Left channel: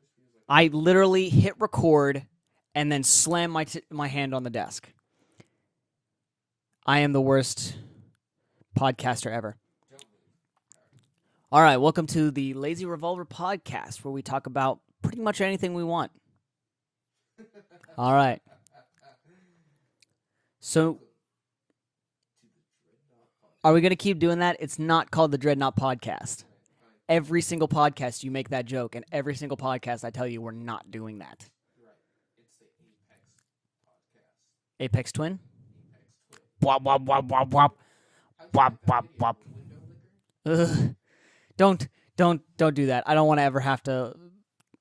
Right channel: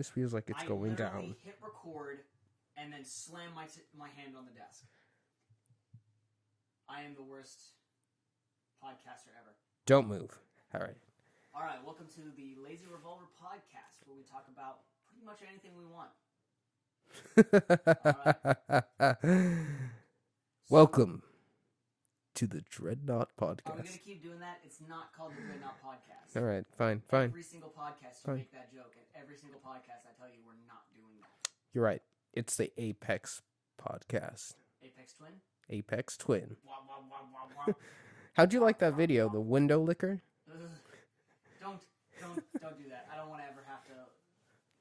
This feels like I literally hit record and then slam my hand on the desk. I am the worst podcaster ever. Don't move. All right. All right, welcome to the Lazy Revolver podcast, where we talk about pretty much anything we want. All right. So, Welcome to the Dreadnought podcast. Are we going to keep doing that? It's not called the Dreadnought podcast. All right, fine. Every single podcast you make that joke, and every single podcast I tell you we're not doing that. You're right. It's the Apex podcast. Apex Twin? Apex Twin. Wop, wop, wop, wop, wop. How'd you Wop, like that wop, video? wop. The window licker? Ugh. Don't do that. I don't want to ever have to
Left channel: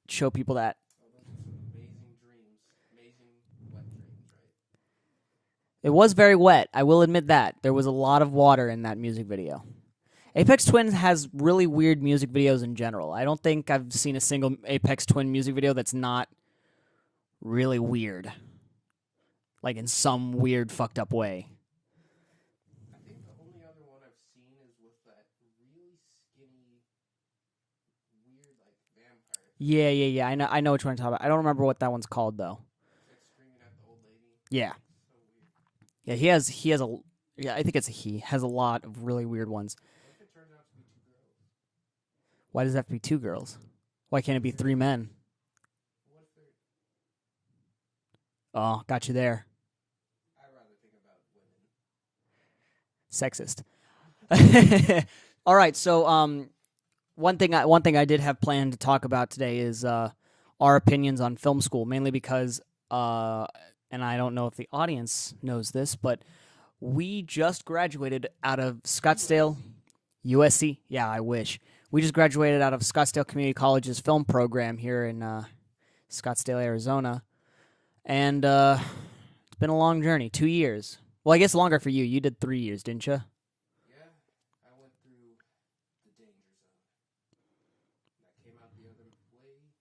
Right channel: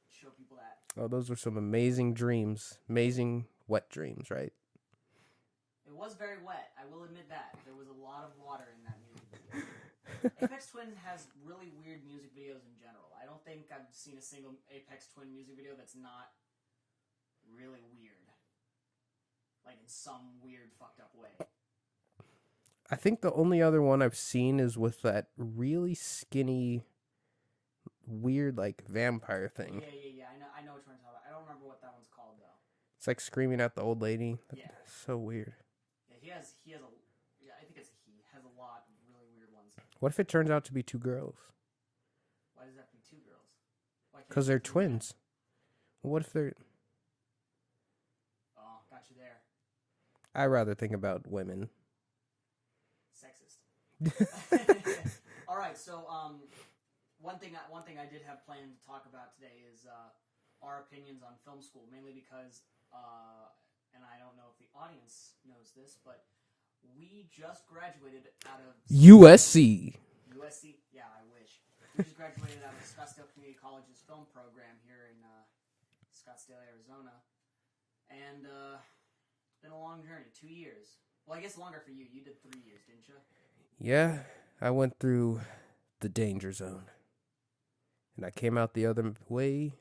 show people that. Oh, those were some amazing dreams. Amazing wet dreams, right? It was very wet. I will admit that. There was a lot of water in that music video. Apex Twin has really weird music videos in general. I don't think I've seen a single Apex Twin music video that's not really weird. Like in some weird, fucked up way. I think the only other one I've seen is with that really skinny, weird, like, vampire thing. Yeah. I know what you're talking about. I don't remember what that one's called, though. It's like screaming at the old lady. Yeah. So weird. Yeah, he has a, yeah, I think it's a he, has a lot of really weird ones. What if it turns out to be two girls? Why does it have to be two girls? Why can't it 'Cause be they're three twins. What if they're... men? Oh, got you there. I rather think about women. Sexist. All right, so one thing I did have planned to talk about today is our opinions on film school, mainly because and I don't know if the audience knows this, but we just graduated out of Scottsdale. USC? Yeah, I wish. We just graduated out of Scottsdale Community College's film program here in Scottsdale, Arizona. And it's been a long journey, 2 years. Well, I guess longer for you. You did 3 years, didn't you? Yeah, I went through the danger zone. And I came out the other way.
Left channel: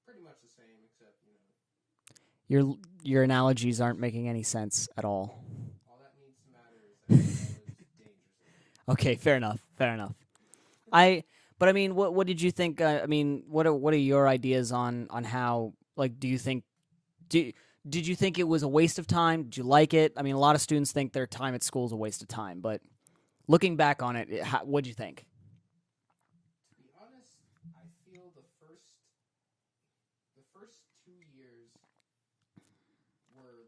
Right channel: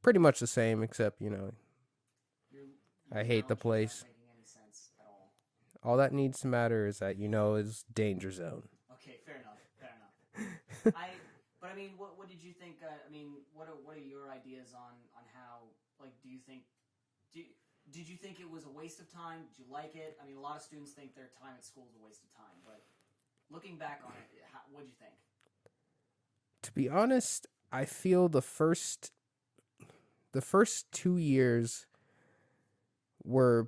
Pretty much the same, except, Your I hate the analogies aren't place. making any sense at all. all that needs to matter is that, is danger zone. Okay, fair enough. But I mean, what did you think? What are your ideas on how, like, did you think it was a waste of time? Did you like it? I mean, a lot of students think their time at school is a waste of time, but looking back on it, what did you think? To be honest, I feel the first 2 years were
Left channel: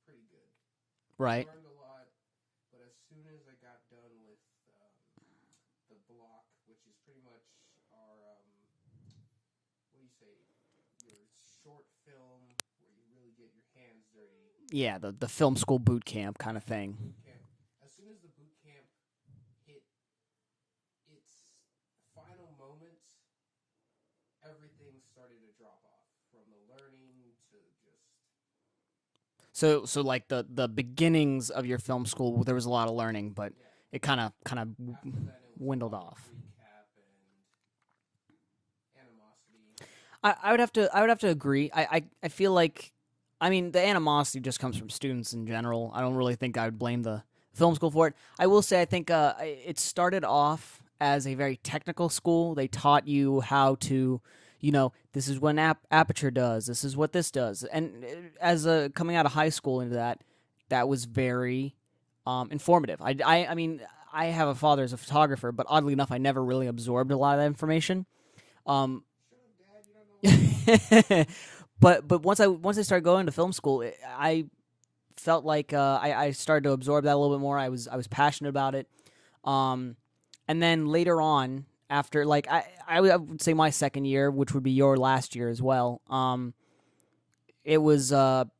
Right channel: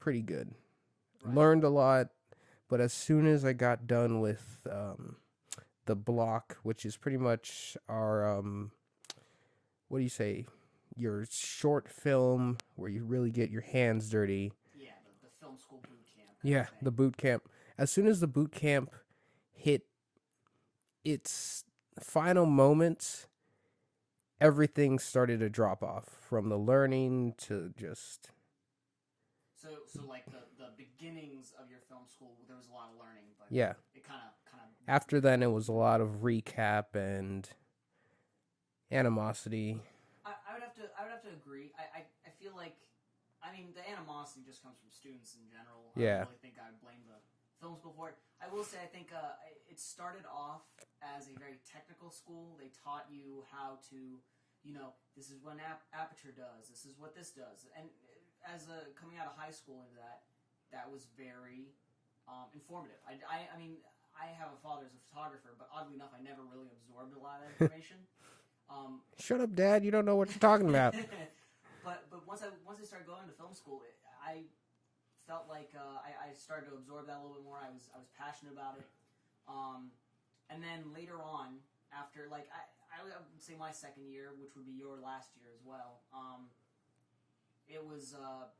pretty good. Right. Learned a lot, but as soon as I got done with the block, which is pretty much our what do you say? Your short film where you really get your hands dirty. Yeah, the film school boot camp kind of thing. The boot camp. As soon as the boot camp hit its final moments, everything started to drop off, from the learning to just... So like the beginnings of your film school, there was a lot of learning, but yeah, it kind of after then it was a lot off. of recap and animosity. I would have to agree. I feel like, I mean, the animosity just comes from students in general. I don't really think I would blame the film school for it. I will say I think it started off as a very technical school. They taught you how to, this is what aperture does. This is what this does. And as coming out of high school into that was very informative. I mean, I have a father as a photographer, but oddly enough, I never really absorbed a lot of that information. Shut up, Dad! You don't know what you're talking about. But once I started going to film school, I felt like I started to absorb that a little bit more. I was passionate about it. And then later on, after I would say my second year, which would be your last year as well, it was a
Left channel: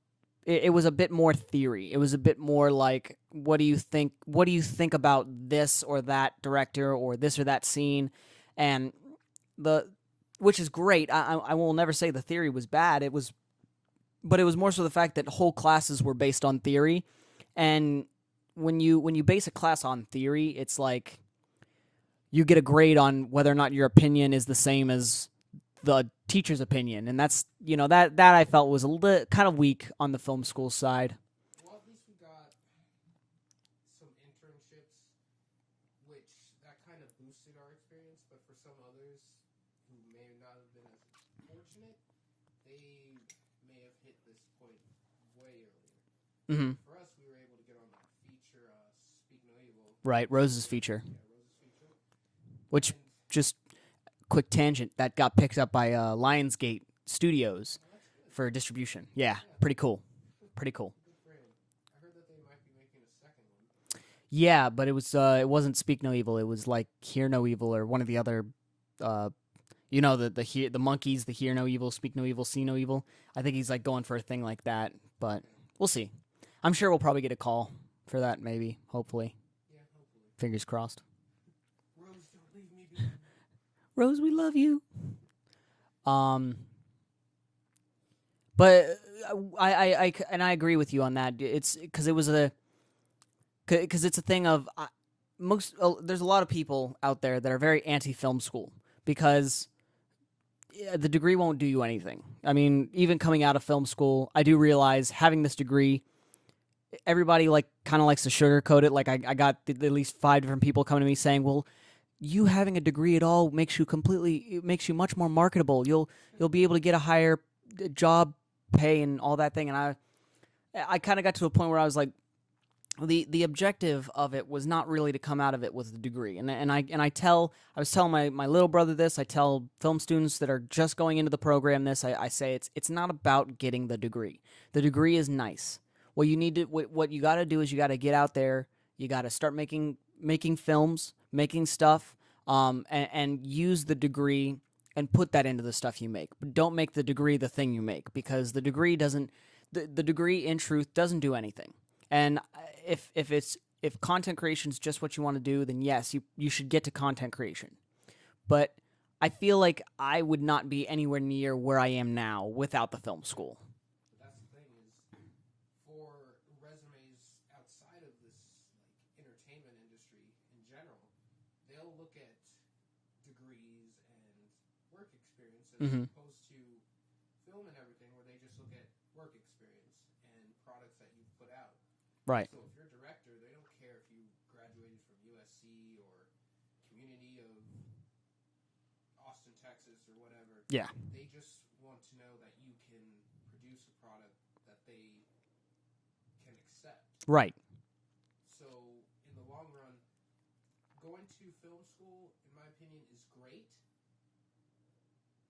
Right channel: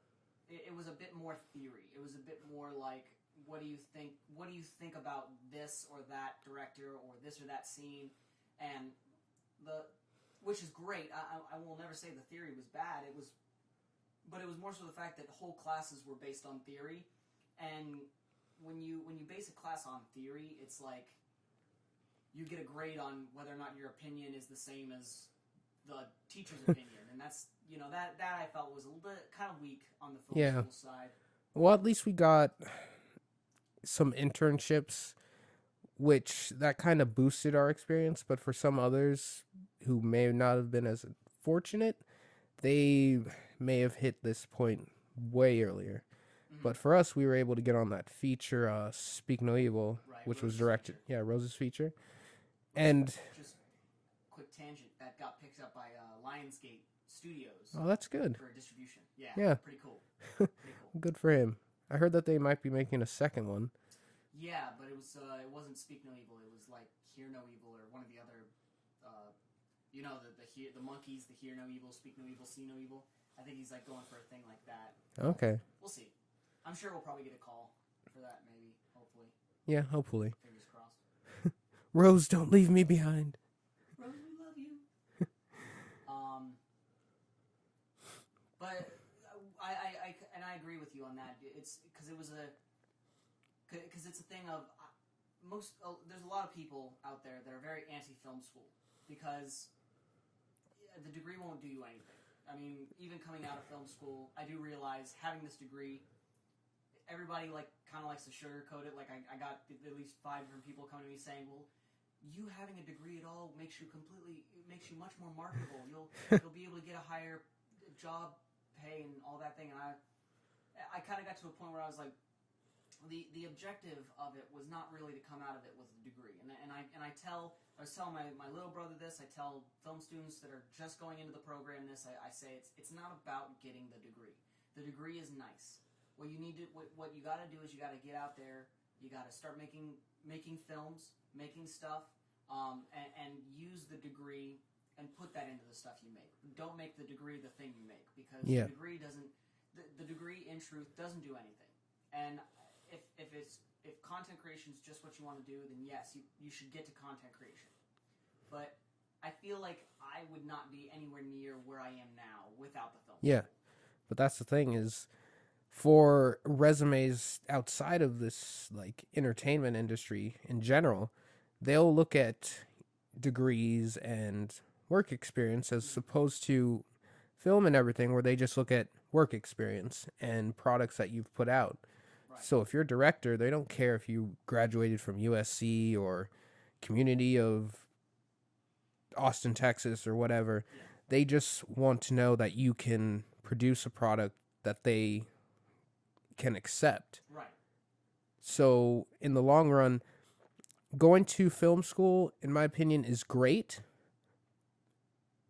bit more theory. It was a bit more like, what do you think? What do you think about this or that director or this or that scene? And which is great. I will never say the theory was bad. But it was more so the fact that whole classes were based on theory, and when you base a class on theory, it's like you get a grade on whether or not your opinion is the same as the teacher's opinion, and that's that I felt was kind of weak on the film school side. Well, at least we got some internships which that kind of boosted our experience. But for some others who may not have been as fortunate, they may have hit this point way earlier. Mhm. But for us, we were able to get on that feature, Speak No Evil. Right, which was Rose's feature. Yeah, Rose's feature. Which, And just quick tangent, that got picked up by Lionsgate Studios oh, that's good. for distribution. Yeah, Yeah. pretty cool. Pretty cool. Good for him. I heard that they might be making a second one. Yeah, but it wasn't Speak No Evil. It was like Hear No Evil or one of the other, the monkeys, the Hear No Evil, Speak No Evil, See No Evil. I think he's like going for a thing like that. But Okay. we'll see. I'm sure we'll probably get a call for that. Maybe, hopefully, Yeah, hopefully. fingers crossed. Rose, don't leave me behind. Rose, we love you. But I agree with you on that. It's because it's a thing of there's a lot of people out there that are very anti-film school because the degree won't do you anything. I mean, even coming out of film school, I do realize having this degree, everybody kind of likes to sugarcoat it. Like I got at least 5 different people coming to me saying, "Well, you having a degree at all makes you much more marketable. You'll be able to get a higher job pay and all that thing." And I kind of got to a point where I was like, the objective of it was not really to come out of it with a degree. And I was telling my little brother this. I tell film students that are just going into the program this. I say it's not about getting the degree. The degree is nice. What you got to do is you got to get out there. You got to start making films, making stuff, and use the degree and put that into the stuff you make. But don't make the degree the thing you make, because the degree doesn't. The degree, in truth, doesn't do anything. And if content creation is just what you want to do, then yes, you should get to content creation. But I feel like I would not be anywhere near where I am now without the film school. But that's the thing is, for resumes outside of this like entertainment industry in general, they'll look at degrees and work experience as opposed to film and everything, where they just look at work experience and products that you've put out. Right. So if you're a director, they don't care if you graduated from USC or Community of Austin, Texas, or whatever. Yeah. They just want to know that you can produce a product that they can accept. Right. So in the long run, going to film school, in my opinion, is great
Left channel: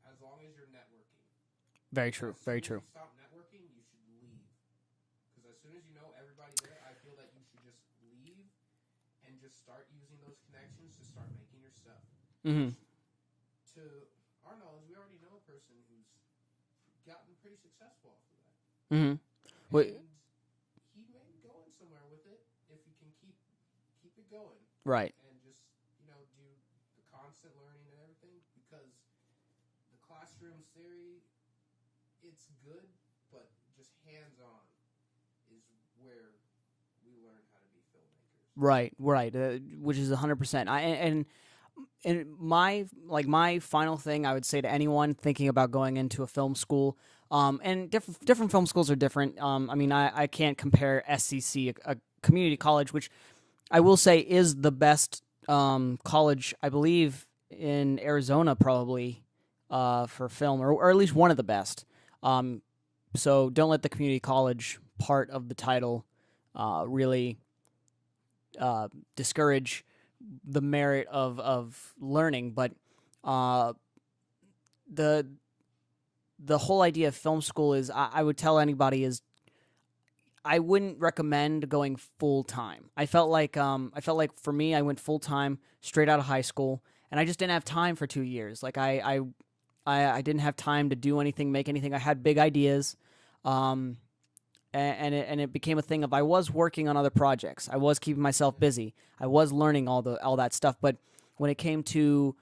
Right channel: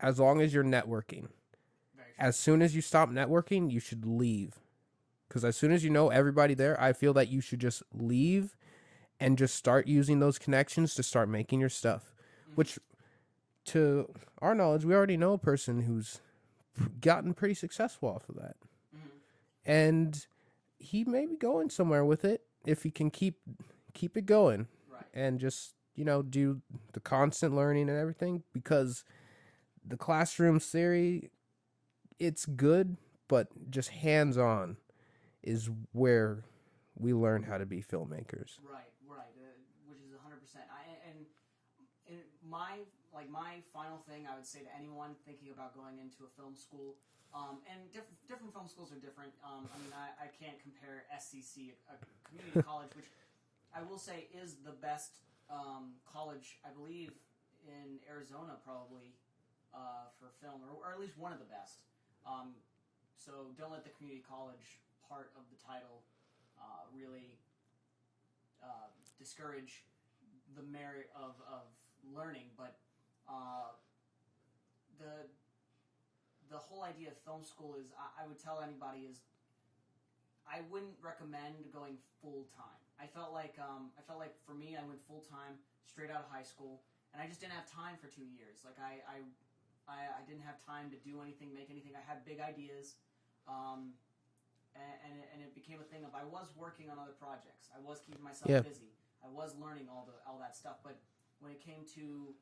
as long as you're networking. Very true. As soon as you stop networking, you should leave. Because as soon as you know everybody there, I feel that you should just leave and just start using those connections to start making your stuff. Which, to our knowledge, we already know a person who's gotten pretty successful off of that. And he may be going somewhere with it if he can keep it going. Right. And just, do the constant learning and everything. Because the classroom theory, it's good, but just hands-on is where we learn how to be filmmakers. Right, which is 100%. And my final thing I would say to anyone thinking about going into a film school, and different film schools are different. I mean, I can't compare SCC, a community college, which I will say is the best college, I believe, in Arizona, probably for film, or at least one of the best. So don't let the community college part of the title really discourage the merit of learning. But the whole idea of film school is, I would tell anybody, is I wouldn't recommend going full time. I felt like for me, I went full time straight out of high school, and I just didn't have time for 2 years. Like I didn't have time to do anything, make anything. I had big ideas, and it became a thing of, I was working on other projects. I was keeping myself busy. I was learning all that stuff. But when it came to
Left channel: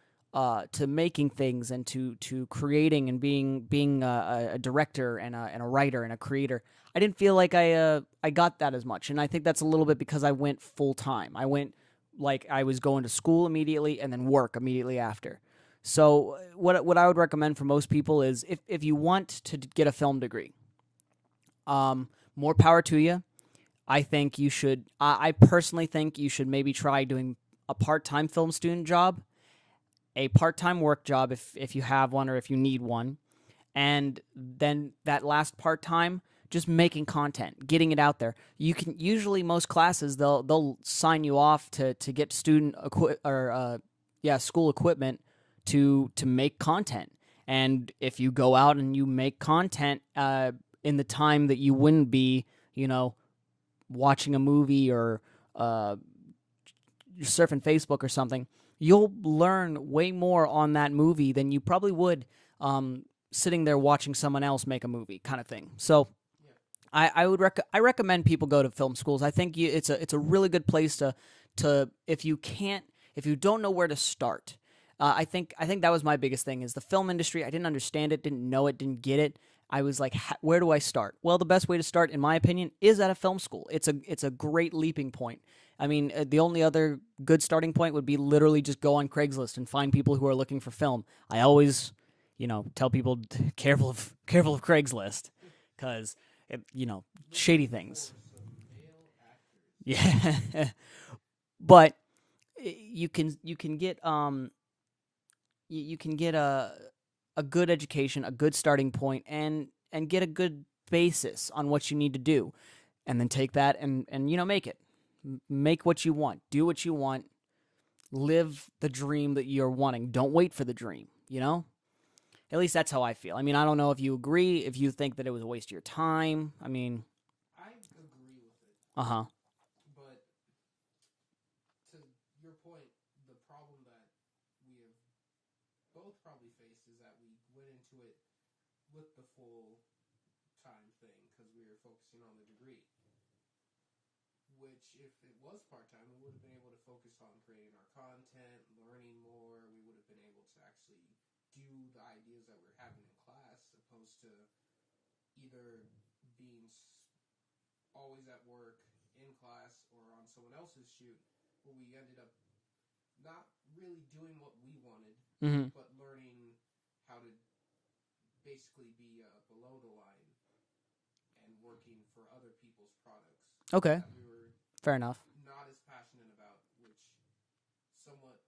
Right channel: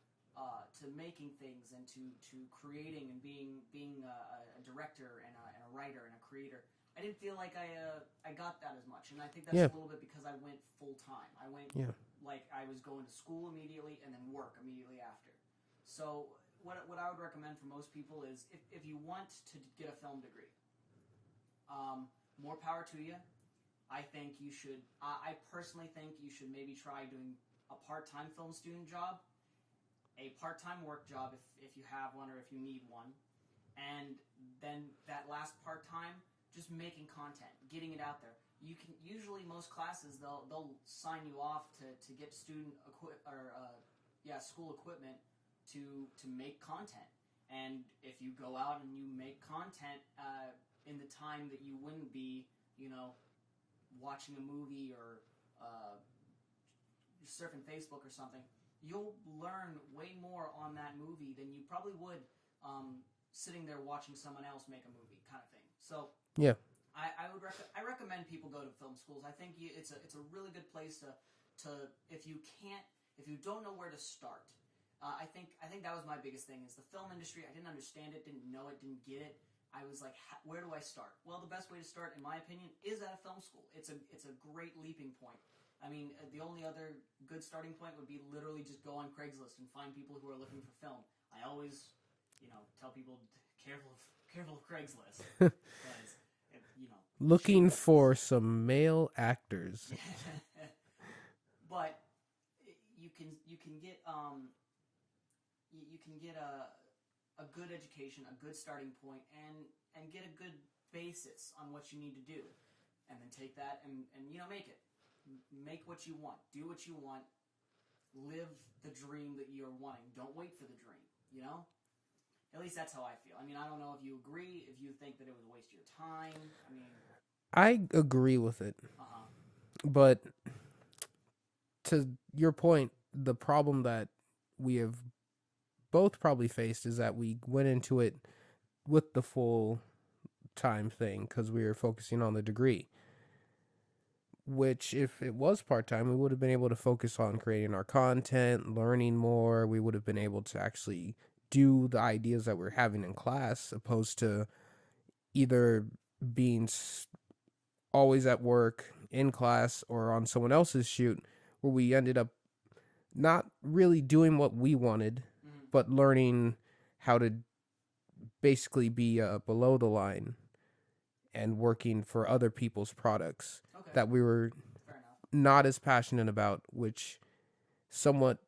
making things and to creating and being a director and a writer and a creator, I didn't feel like I got that as much. And I think that's a little bit because I went full time. I went like I was going to school immediately and then work immediately after. So what I would recommend for most people is, if you want to get a film degree, more power to you. I think you should. I personally think you should maybe try doing a part-time film student job, a part-time work job if you have one or if you need one, and then that last part-time just making content, getting it out there. You can usually most classes they'll sign you off to get school equipment to make content. And if you go out and you make content in the time that you wouldn't be, watching a movie or surfing Facebook or something, you'll learn way more on that movie than you probably would sitting there watching someone else make a movie, kind of thing. So Yeah. I recommend people go to film schools. I think it's a really good place to if you don't know where to start. I think that was my biggest thing is the film industry. I didn't understand it, didn't know it, didn't get it. I was like, where do I start? Well, the best way to start, in my opinion, is at a film school. It's a great leaping point. I mean, the only other good starting point would be literally just go on Craigslist and find people who are looking for film. I always, tell people careful of Craigslist because Looking shady things. for some male actors. Yeah, but you can get you can get a good education, a good starting point, and get a good basis on what you need to do, and then take that and make what you want, do what you want, live the dream that you're wanting. Don't wait for the dream. At least that's how I feel. I mean, I don't know if you agree, if you think that it was a waste of your time. I mean, I agree with it. Uh-huh. But to your point, the problem that we have both probably faced is that we went into it with the full time thing because we were focusing on the degree. Which, if it was part-time, we would have been able to focus on creating our content, learning more. We would have been able to actually do the ideas that we're having in class, opposed to either being always at work, in class, or on someone else's shoot, where we ended up not really doing what we wanted, but learning how to basically be below the line and working for other people's products. Okay. That we were fair enough not as passionate about, which somewhat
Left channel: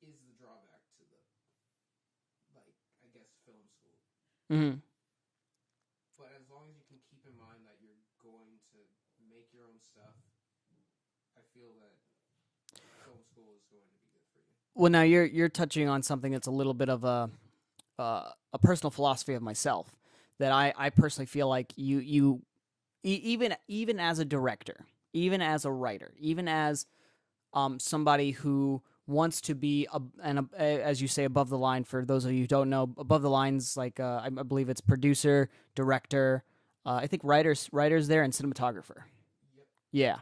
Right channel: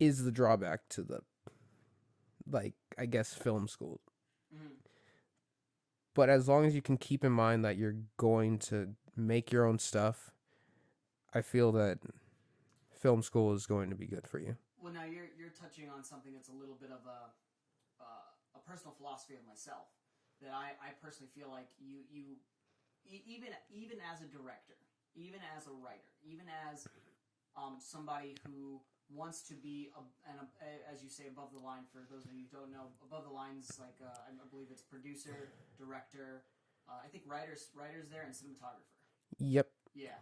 is the drawback to the, I guess, film school. But as long as you can keep in mind that you're going to make your own stuff, I feel that film school is going to be good for you. Well, now you're touching on something that's a little bit of a personal philosophy of myself. That I personally feel like you even as a director, even as a writer, even as somebody who wants to be as you say, above the line. For those of you who don't know, above the lines, like I believe it's producer, director, I think writers there, and cinematographer. Yep. Yeah.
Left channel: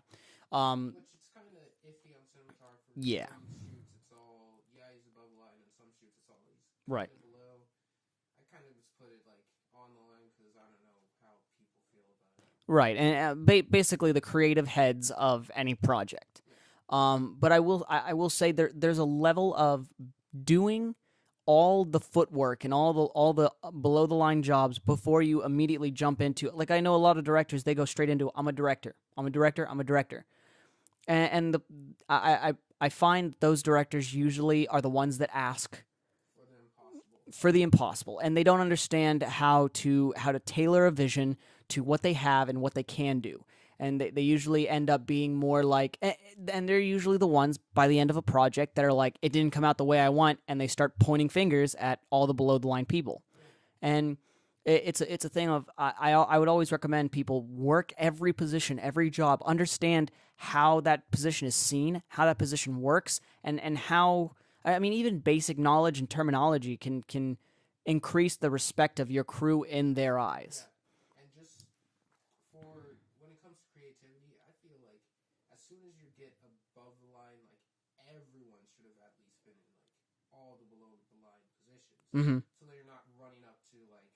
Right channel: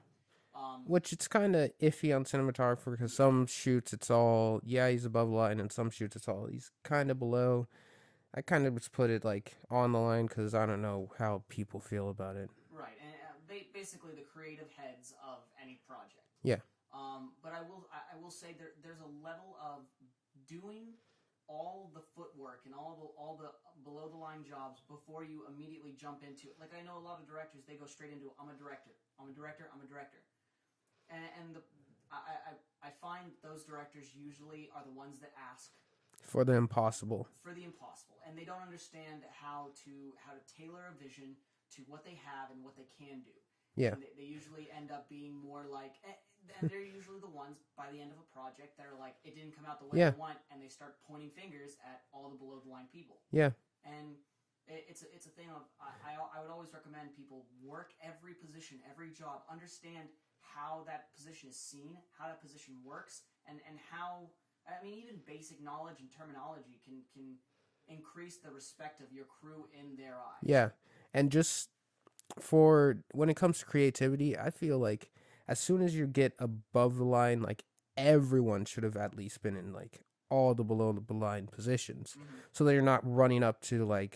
Which it's kind of iffy on cinematographer because some shoots it's all he's above the line, and some shoots it's all he's kind of below. I kind of just put it on the line because I don't know how people feel about it. Right, and basically the creative heads of any project. Yeah. But I will say there's a level of doing all the footwork and all the below the line jobs before you immediately jump into it. Like, I know a lot of directors, they go straight into I'm a director, and I find those directors usually are the ones that ask for the impossible, and they don't understand how to tailor a vision to what they have and what they can do. Yeah. And they usually end up being more like, and they're usually the ones by the end of a project that are like, it didn't come out the way I want, and they start pointing fingers at all the below the line people. Yeah. And it's a thing of, I would always recommend people work every position, every job, understand how that position is seen, how that position works, and how, I mean, even basic knowledge and terminology can increase the respect of your crew in their eyes. Yeah. And just for when it comes to creativity, I feel like as soon as you get above the line, everyone should have at least been in all the below the line positions, so that you're not running up to a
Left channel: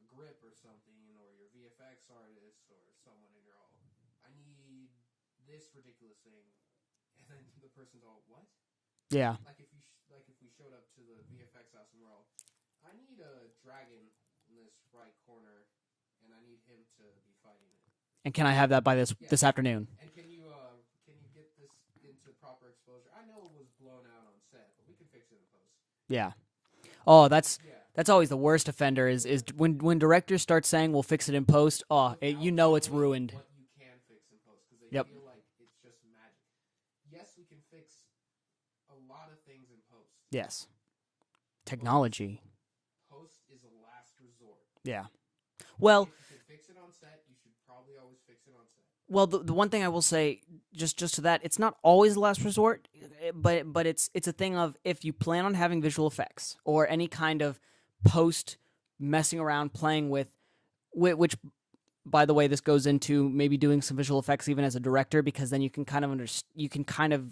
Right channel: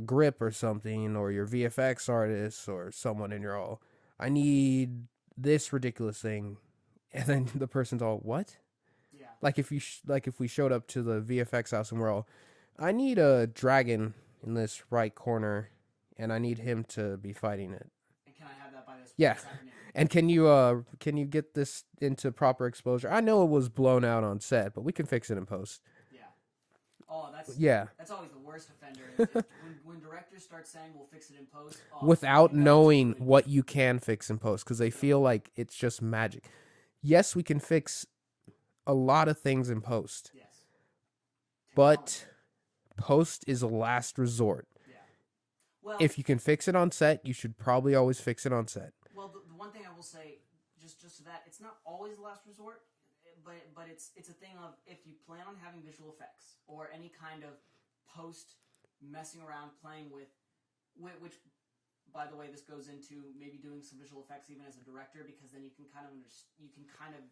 grip or something, or your VFX artist or someone, and you're all, I need this ridiculous thing, and then the person's all, what? Yeah. If we showed up to the VFX house and we're all, I need a dragon in this right corner, and I need him to be fighting it. And can I have that by this Yeah. this afternoon? And can you get this into proper exposure? I know it was blown out on set, but we can fix it in post. Yeah. Oh, that's Yeah. always the worst offender is when directors start saying we'll fix it in post. Oh, Without you know it's knowing ruined. what you can fix in post, because they Yep. feel like it's just magic. Yes, we can fix a lot of things in post. Yes. Technology. Post is a last resort. Yeah. Well, If you can fix it on set, you should probably always fix it on set. well, the one thing I will say, just to that, it's not always the last resort, but it's a thing of if you plan on having visual effects or any kind of post messing around, playing with, which, by the way, this goes into maybe doing some visual effects even as a director, because then you can kind of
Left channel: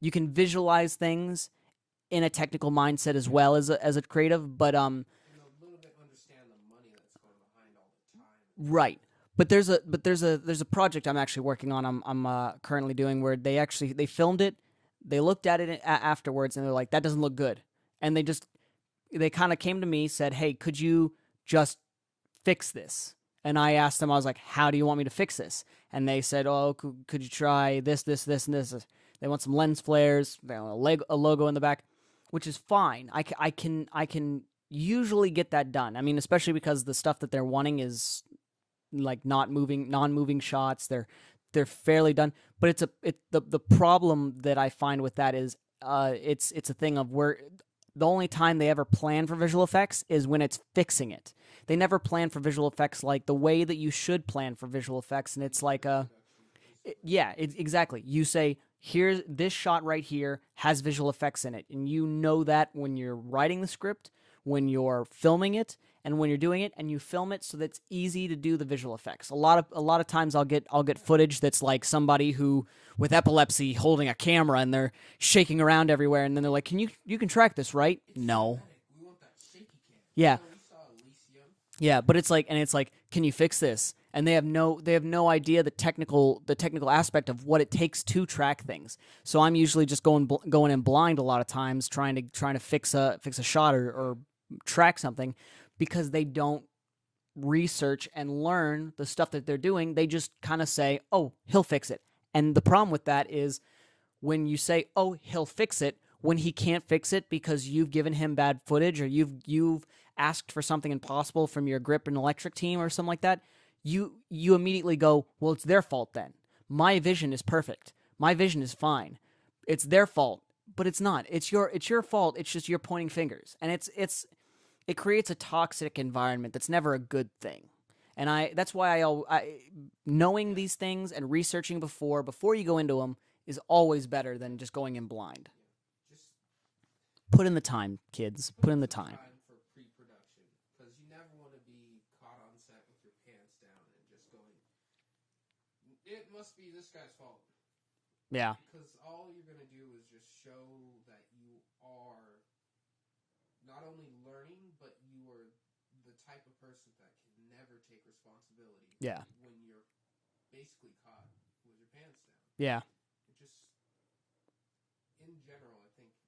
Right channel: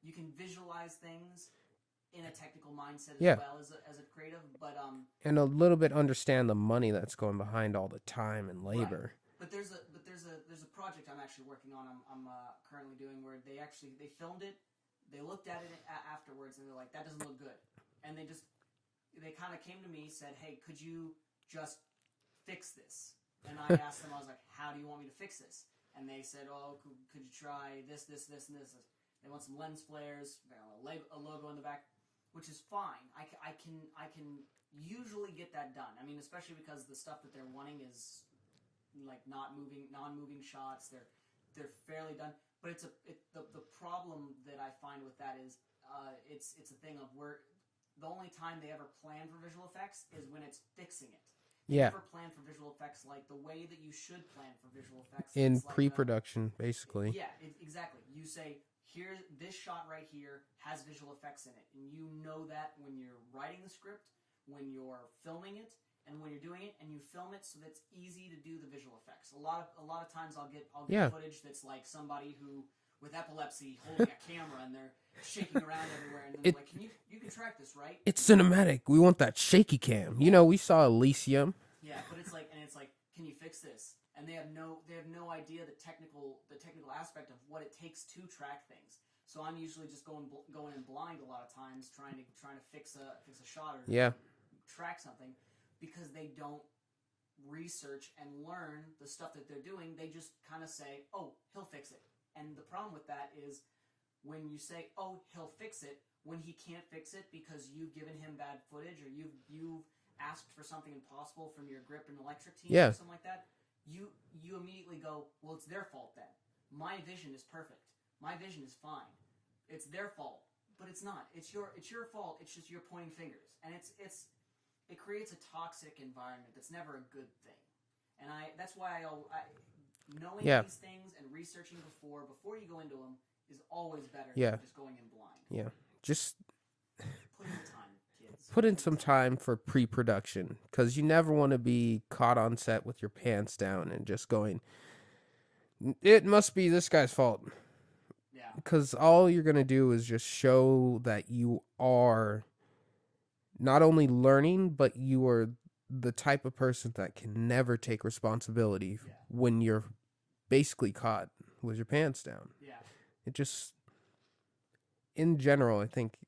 you can visualize things in a technical mindset as Yeah. well as a creative, but And a little bit understand the money that's going behind all the time and labor. Right. But there's a project I'm actually working on. I'm currently doing where they filmed it, they looked at it afterwards, and they're like, that doesn't look good, and they kind of came to me, said, hey, could you just fix this? And I asked them, I was like, how do you want me to fix this? And they said, oh, could you try this, and this? They want some lens flares, they want a logo in the back, which is fine. I can usually get that done. I mean, especially because the stuff that they're wanting is like non-moving shots. They're fairly done, but the problem that I find with that is it's a thing of where the only time they ever plan for visual effects is when it's fixing it. They Yeah. never plan for visual effects like the way that you should plan for visual effects. In It's like pre-production, basically. yeah, exactly. You say, here's this shot right here has visual effects in it, and you know that when you're writing the script, when you're filming it, and when you're doing it, and you film it so that it's easy to do the visual effects. A lot of times I'll get Yeah. footage that's like somebody who with epilepsy holding a camera and they're shaking around everywhere, and then they're like, "Can you can track this, right?" It's No. cinematic. We want that shaky cam. Yeah. You know, we saw Elysium. Yeah, but it's like, can you fix this? And they have no idea the technical aspect of what it takes to track things. So I'm usually just going in blind a lot of times, trying to fix a shot Yeah. or track something, because they don't research and learn the stuff that they're doing. They just kind of say, "Oh, he'll fix it." And the problem with that is when you say, "Oh, he'll fix it," when he can't fix it because you've given him bad footage or you've asked for something impossible from your grip and electric team Yeah. or something like that, you immediately go, well, it's their fault then. My vision is perfect. My vision is fine. It's their fault, but it's not. It's your fault. It's just you're pointing fingers, and it creates a toxic environment that's never a good thing. And that's why I knowing Yeah. these things and researching before you go into them is always better Yeah. than just going in blind. Yeah. Just Put in the time, kids. put in the some time for pre-production, because you never want to be caught on set with your pants down and just going, it must be this guy's fault. Yeah. Because all you're going to do is just show that you are not only learning, but you are the type of person that can never take responsibility Yeah. when you're basically caught with your pants down. Yeah. It just, in general, I think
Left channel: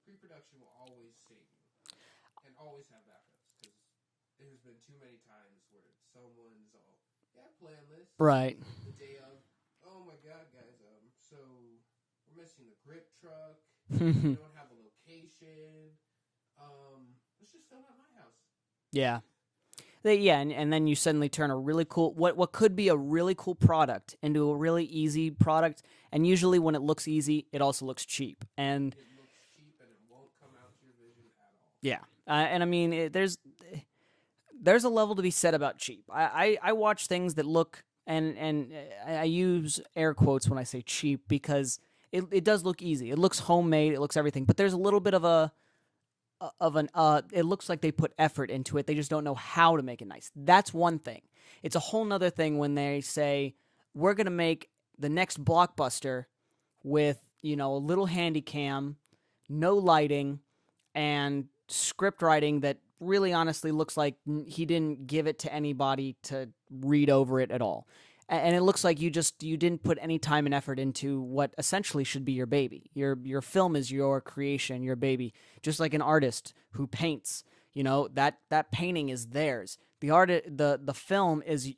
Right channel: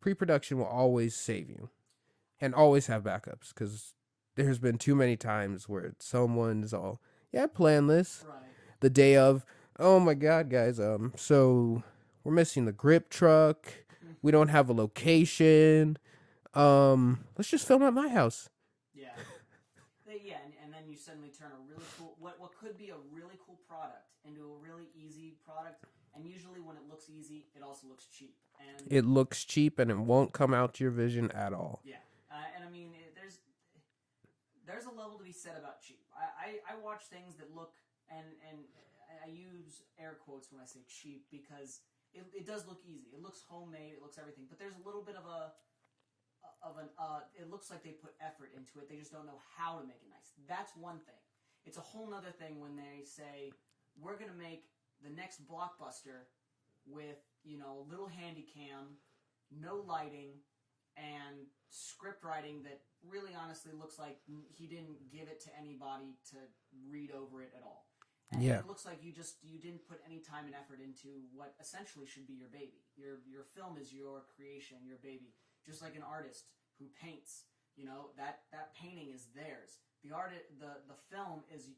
pre-production will always save you and always have backups, because there's been too many times where someone's all, yeah, plan this Right. the day of, oh my God, guys, so we're missing the grip truck. We don't have a location. Let's just film at my house. Yeah. And then you suddenly turn a really cool what could be a really cool product into a really easy product, and usually when it looks easy, it also looks cheap. And It looks cheap and it won't come out to your vision at all. yeah, and I mean there's a level to be said about cheap. I watch things that look and I use air quotes when I say cheap, because it does look easy. It looks homemade. It looks everything, but there's a little bit of it looks like they put effort into it. They just don't know how to make it nice. That's one thing. It's a whole nother thing when they say, we're going to make the next blockbuster with, a little handy cam, no lighting, and script writing that really honestly looks like he didn't give it to anybody to read over it at all. And it looks like you didn't put any time and effort into what essentially should be your baby. Your film is your creation, your baby. Just like an artist who paints, that painting is theirs. The film is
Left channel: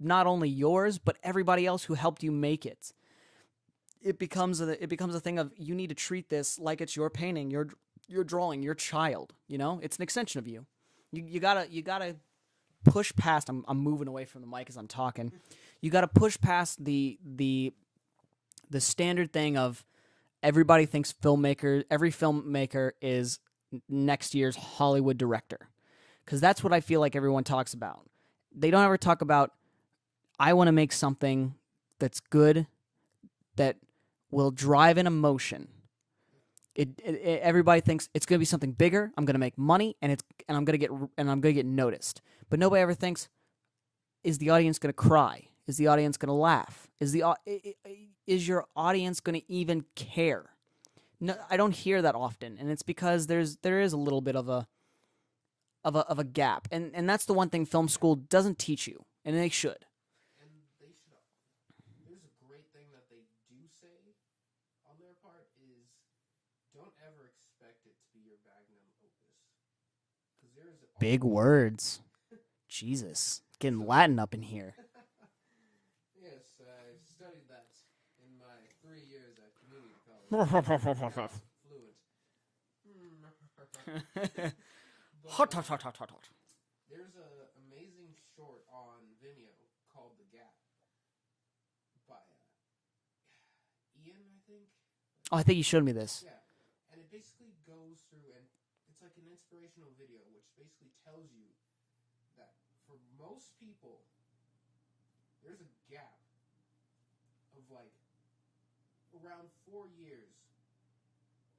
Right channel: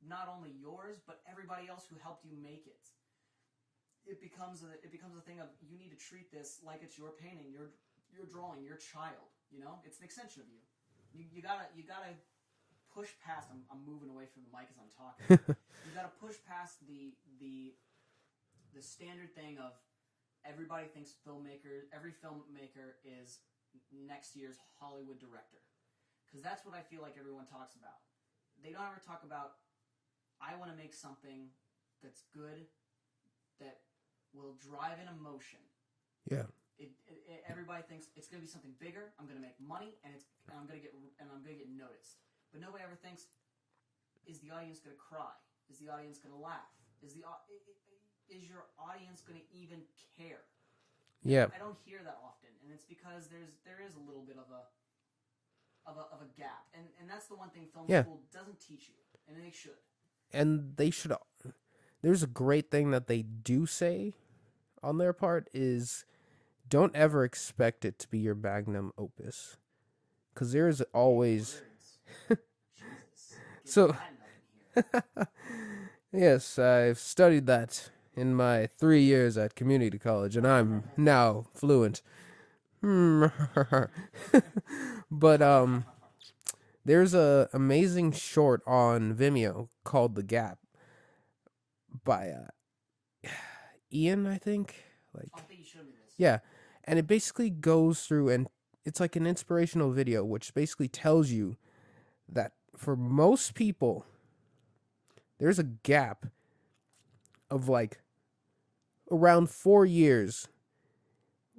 not only yours but everybody else who helped you make it. It becomes a thing of you need to treat this like it's your painting, your drawing, your child. You know, it's an extension of you. You gotta push past. I'm moving away from the mic as I'm talking. You gotta push past the standard thing of everybody thinks every filmmaker is next year's Hollywood director, because that's what I feel like everyone talks about. They don't ever talk about, I want to make something that's good, that will drive an emotion. Yeah. Everybody thinks it's going to be something bigger. I'm going to make money, and I'm going to get noticed. But nobody ever thinks, is the audience going to cry? Is the audience going to laugh? Is your audience going to even care? No, Yeah. I don't hear that often, and it's because there is a little bit of a gap, and that's the one thing film school doesn't teach you, and they should. And they should. There's a great thing that they do say on their part is, don't ever expect it to be your magnum opus, because there is always big words. Jesus, getting So- Latin up in here. Yes, I've studied that in my 3 years at community college, and I'm now fluent. But there's a amazing short on Vimeo called The Gap by Ian, I think. I think you showed me this. Yeah, and it basically goes through, and it's like an inspirational video, which basically tells you that for most people, there's a gap of like around 4 years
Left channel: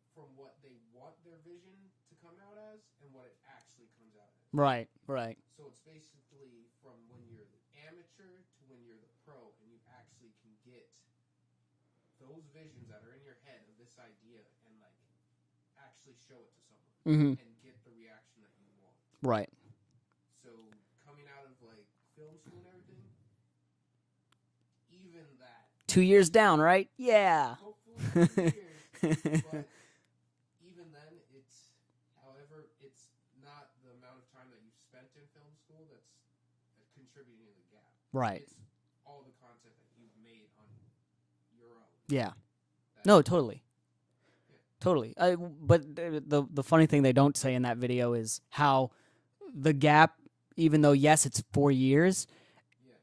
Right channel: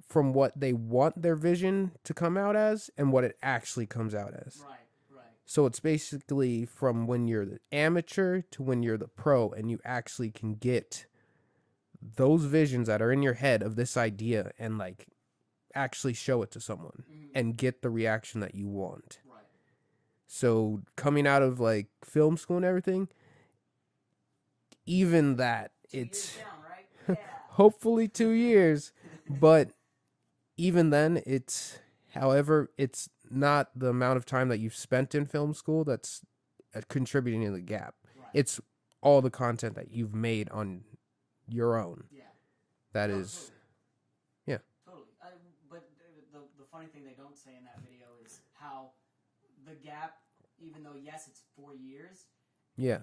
from what they want their vision to come out as and what it actually comes out as. Right. So it's basically from when you're the amateur to when you're the pro, and you actually can get those visions that are in your head of this idea and like actually show it to someone and get the reaction that you want. Right. So coming out of like film school and everything, even that 2 years down, right? Yeah. hopefully 2 years, but even then it's not the amount of time that you've spent in film school that's contributing to the gap. Right. It's all the content that you've made on your own. Yeah. That No, is- totally. Yeah. Totally. But the funny thing they don't say in that video is how the gap, even though yes it's 4 years, Yeah.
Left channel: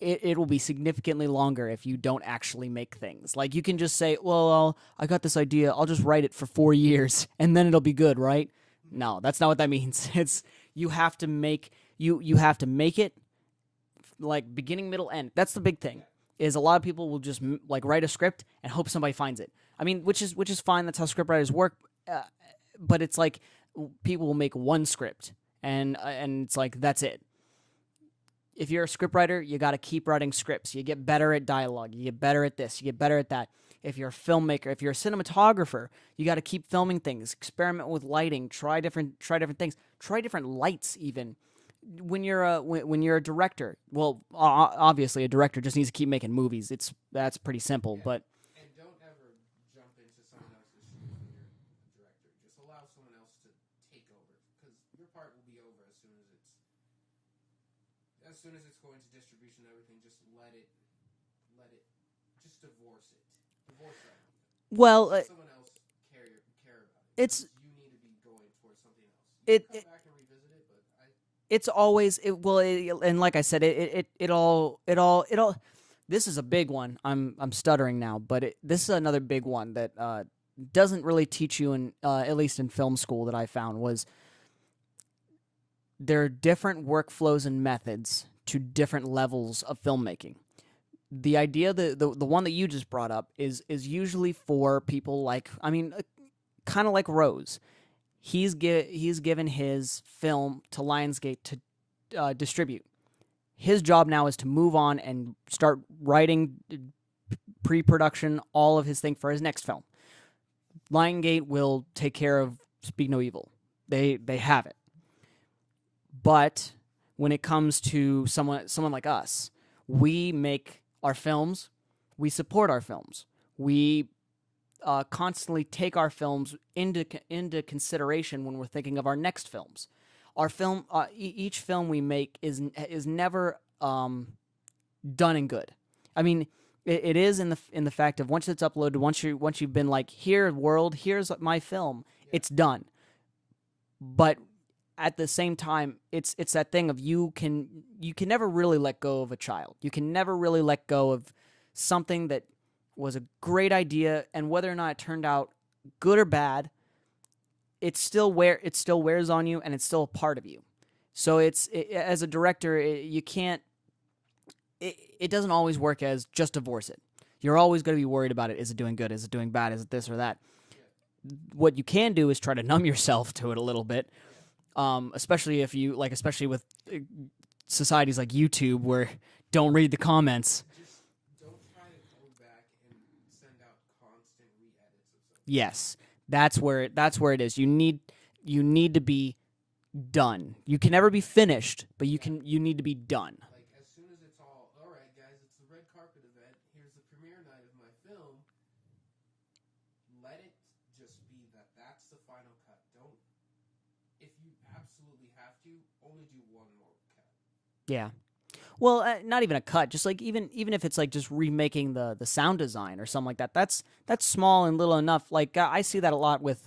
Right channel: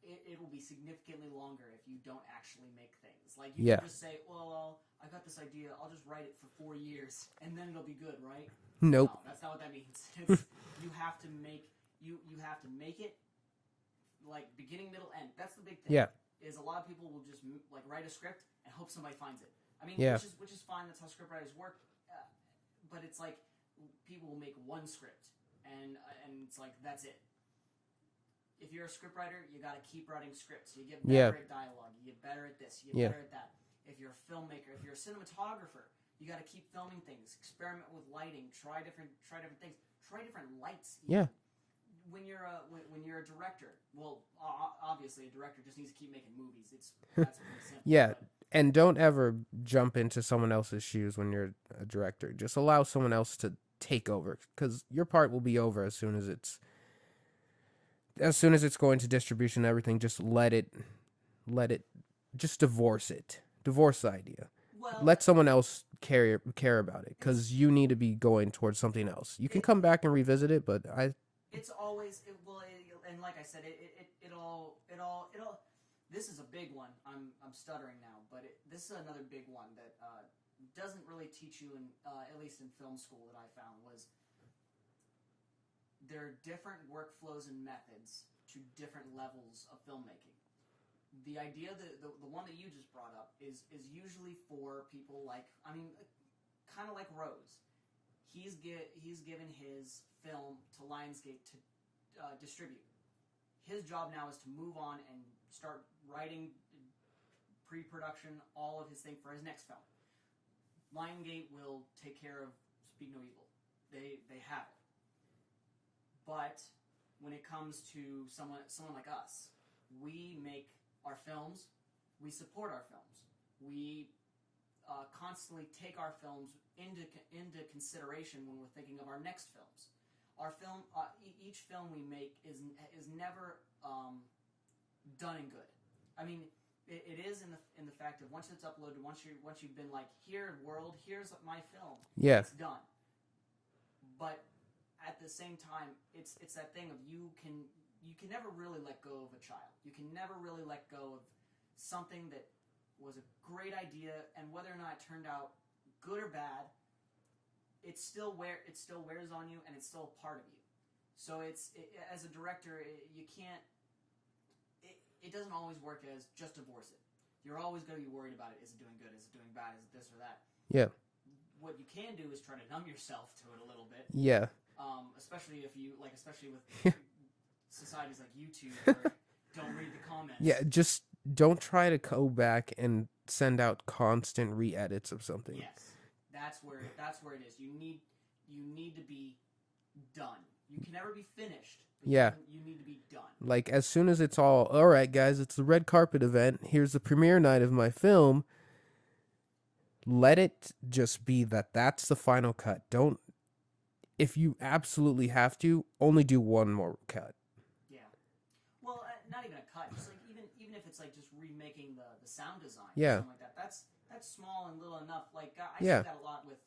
it will be significantly longer if you don't actually make things. Like you can Yeah. just say, well, I got this idea, I'll just write it for 4 years and then it'll be good, right? Nope. No, that's not what that means. It's you have to make it like beginning, middle, end. That's the big thing. Yeah. Is a lot of people will just like write a script and hope somebody finds it. I mean, Yeah. which is fine. That's how scriptwriters work. But it's like people will make one script and it's like that's it. If you're a scriptwriter, you got to keep writing scripts. You get better Yeah. at dialogue. You get better at this. You get Yeah. better at that. If you're a filmmaker, if you're a cinematographer, you got to keep filming things. Experiment with lighting. Try different things. Try different lights even. When you're a director, well, obviously a director just needs to keep making movies. That's pretty simple. Yeah. But And don't ever jump into someone else's shoes when you're a director. Just allow someone else to take over, because your part will be over as soon as it's going to distribution and everything. Just let it just divorce the idea. well, Let someone else care about it, because you need to be going towards something else. You can come back and revisit it, but it's always and like I said, it all. This is a big one. I'm stuttering now, but this is another big one that doesn't really teach you in at least in film school that I found was there are different workflows and methods to different levels of filmmaking. The idea the one that you just brought up is usually for people like kind of like Rose. He's given his film to Lionsgate to distribute. His job now is to move on and start writing pre-production, all of his thing for his next film. Lionsgate will take care of Speak No Evil. They have it. But when it comes to someone like us, we make our films, we support our films, we constantly take our films into consideration when we're thinking of our next films. our film, each film we make is never done and good. I mean, it is in the fact of once it's uploaded, once you've been like, here world, here's my film, Yeah. it's done. But at the same time, it's that thing of you can never really let go of a child. You can never really let go of something that was a great idea, and whether or not it turned out good or bad, it still wears on you, and it's still a part of you. So as a director, you can't. It doesn't always work as just divorce it. You're always going to be worried about it. Is it doing good? Is it doing bad? Is it this or that? Yeah. What you can do is try to numb yourself to it a little bit. Yeah. Especially if you especially with societies like YouTube where don't read the comments. Yeah, just don't try to go back and send out constant re-edits of something. Yes. That's where it is. You need to be done. You can never be finished, but you need to be done. Like as soon as it's all right, guys, it's the red carpet event. Here's the premiere night of my film. Let it just be that's the final cut. Don't, if you absolutely have to, only do one more cut. Yeah. Well, not even a cut. Just like even if it's like just remaking the sound design or something like that. That's small and little enough. Like I see that a lot with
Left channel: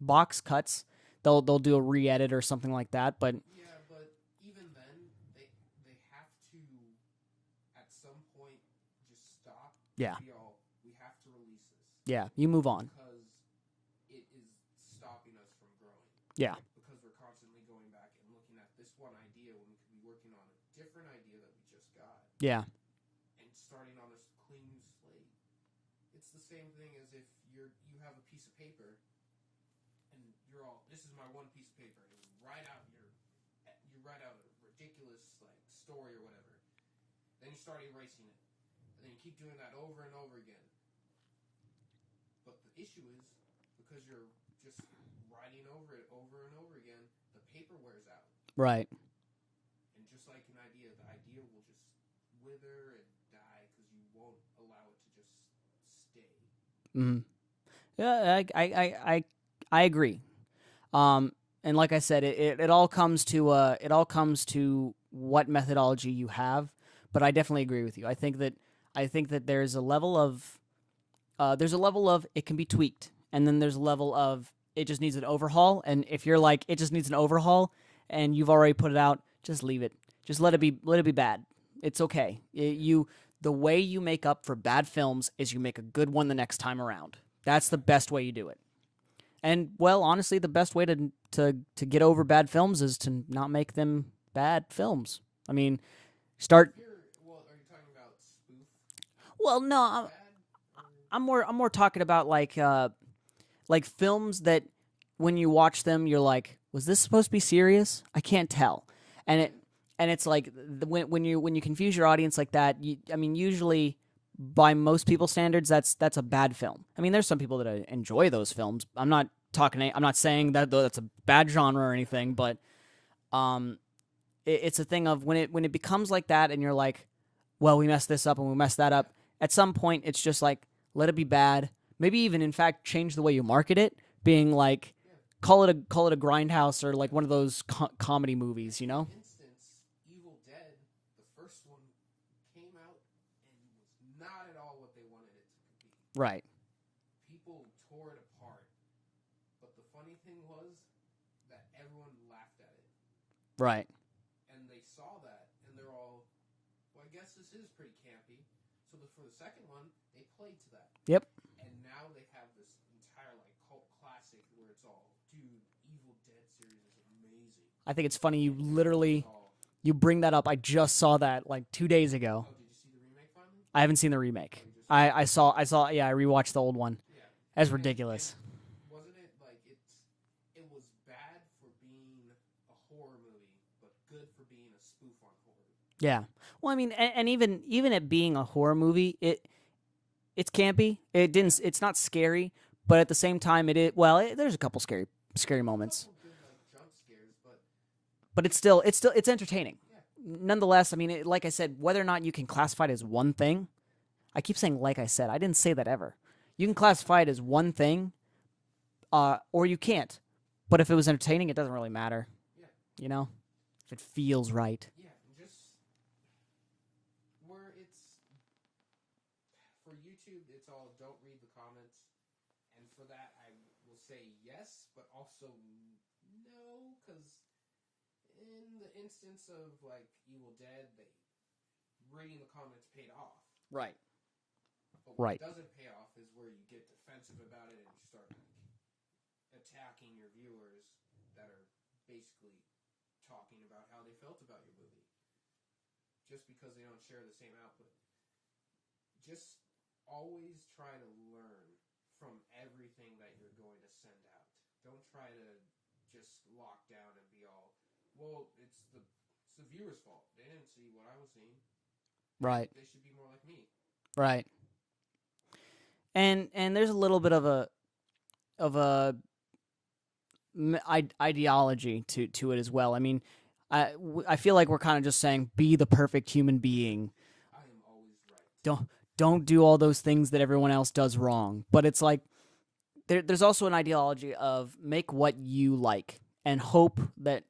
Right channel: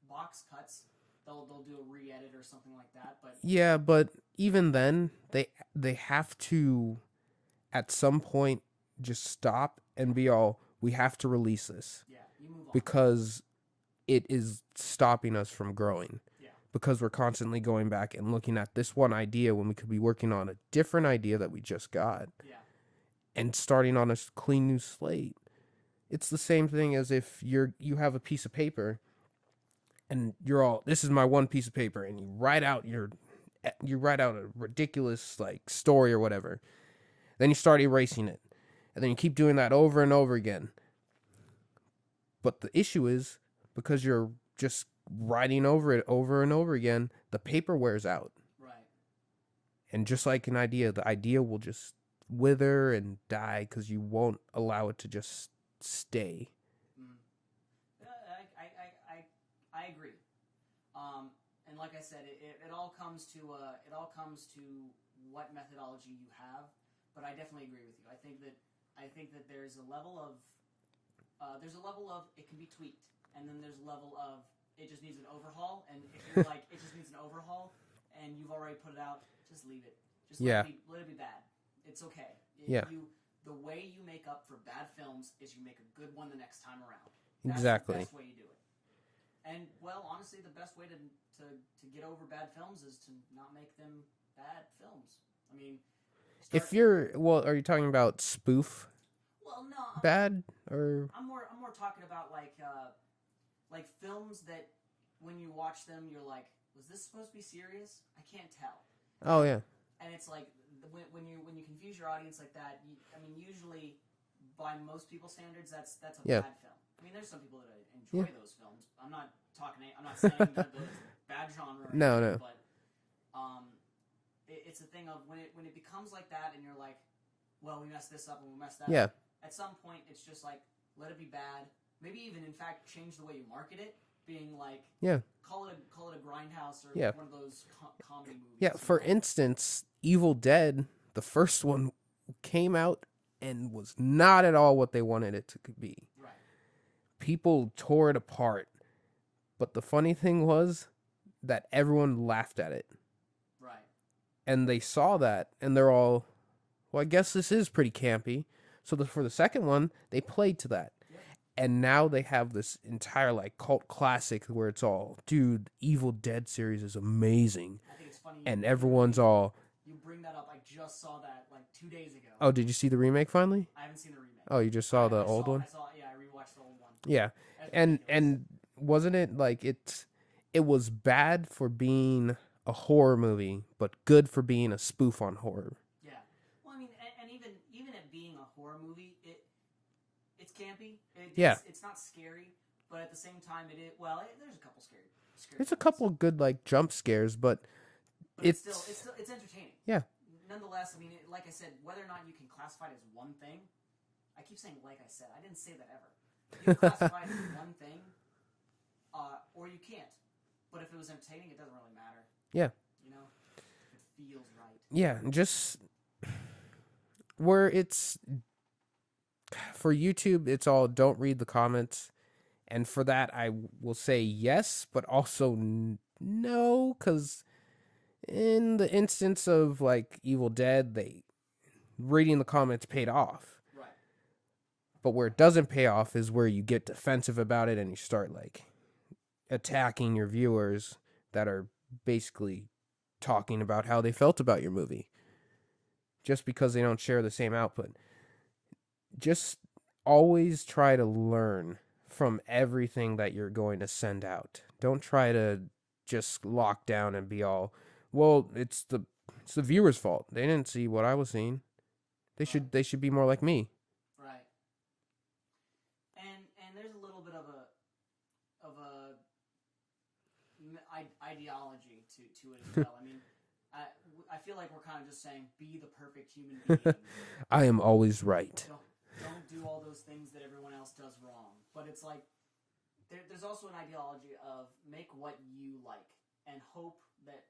box cuts. They'll do a re-edit or something like that. But yeah, but even then, they have to at some point just stop and be all, we have to release this. Yeah, you move on because it is stopping us from growing. Yeah. Because we're constantly going back and looking at this one idea when we could be working on a different idea that we just got. Yeah. And starting on a clean new slate. It's the same thing as if you have a piece of paper and you're all, this is my one piece of paper, and you write out a ridiculous like story or whatever. Then you start erasing it. And then you keep doing that over and over again. But the issue is, because you're just writing over it over and over again, the paper wears out. Right. And just like an idea, the idea will just wither and die because you won't allow it to just stay. Mm-hmm. Yeah, I agree. And like I said, it all comes to what methodology you have. But I definitely agree with you. I think that there's a level of it can be tweaked, and then there's a level of it just needs an overhaul. And if you're like it just needs an overhaul, and you've already put it out, just leave it. Just let it be bad. It's okay. The way you make up for bad films is you make a good one the next time around. That's the best way you do it. And well, honestly, the best way to get over bad films is to not make them bad films. I mean, are you talking about spoof? Well, no, bad or I'm more talking about like films that when you watch them, you're like, was this supposed to be serious? I can't tell. And it's like when you confuse your audience like that, usually by most people's standards, that's a bad film. I mean, there's some people that enjoy those films. I'm not saying that that's a bad genre or anything, but it's a thing of when it becomes like that, and you're like, well, we messed this up and we messed that up. At some point, it's just like, let it be bad. Maybe even in fact change the way you market it, being like, call it a grindhouse or like one of those comedy movies. Yeah, for instance, Evil Dead, the first one came out and was not at all what they wanted it to be. Right. People tore it apart. But the funny thing was that everyone laughed at it. Right. And they saw that, and they're all, well, I guess this is pretty campy. So for the second one, they played to that. Yep. And now they have this entire like cult classic where it's all, dude, Evil Dead series is amazing. I think it's funny and everyone's all, you bring that up. I just saw that like 2 days ago. Oh, did you see the remake finally? I haven't seen the remake. Oh, you just saw I saw. Yeah, I rewatched the old one. Yeah, that's ridiculous. And wasn't it like it was bad for being a horror movie, but good for being a spoof on horror. Yeah. Well, I mean, and even it being a horror movie, it's campy. It's not scary, but at the same time, there's a couple scary moments. A couple good like jump scares, but it's entertaining. Yeah. Nonetheless, I mean, like I said, whether or not you can classify it as one thing, I keep saying like I said. I didn't say that ever. You can classify it as one thing, or you can't. But if it was entertaining, it doesn't really matter. Yeah. you know, if it feels right. Yeah, just where it's for YouTube, it's all don't read the comments. And for that, I will say yes, but also no, because in the instance of like Evil Dead, reading the comments paid off. Right. But where it doesn't pay off is where you get defensive about it and you start like attacking your viewers that are basically talking about how they felt about your movie just because they don't share the same output. Just always try to learn from everything that you're going to send out. Don't try to just lock down and be all, well, it's the viewer's fault. They didn't see what I was seeing. They should be more like me. Right. And there's a little bit of a ideology to it as well. I mean, I feel like we're kind of just saying be the perfect human being. I am always right. Don't do all those things that everyone else does wrong. But it's like there's also an ideology of make what you like and hope that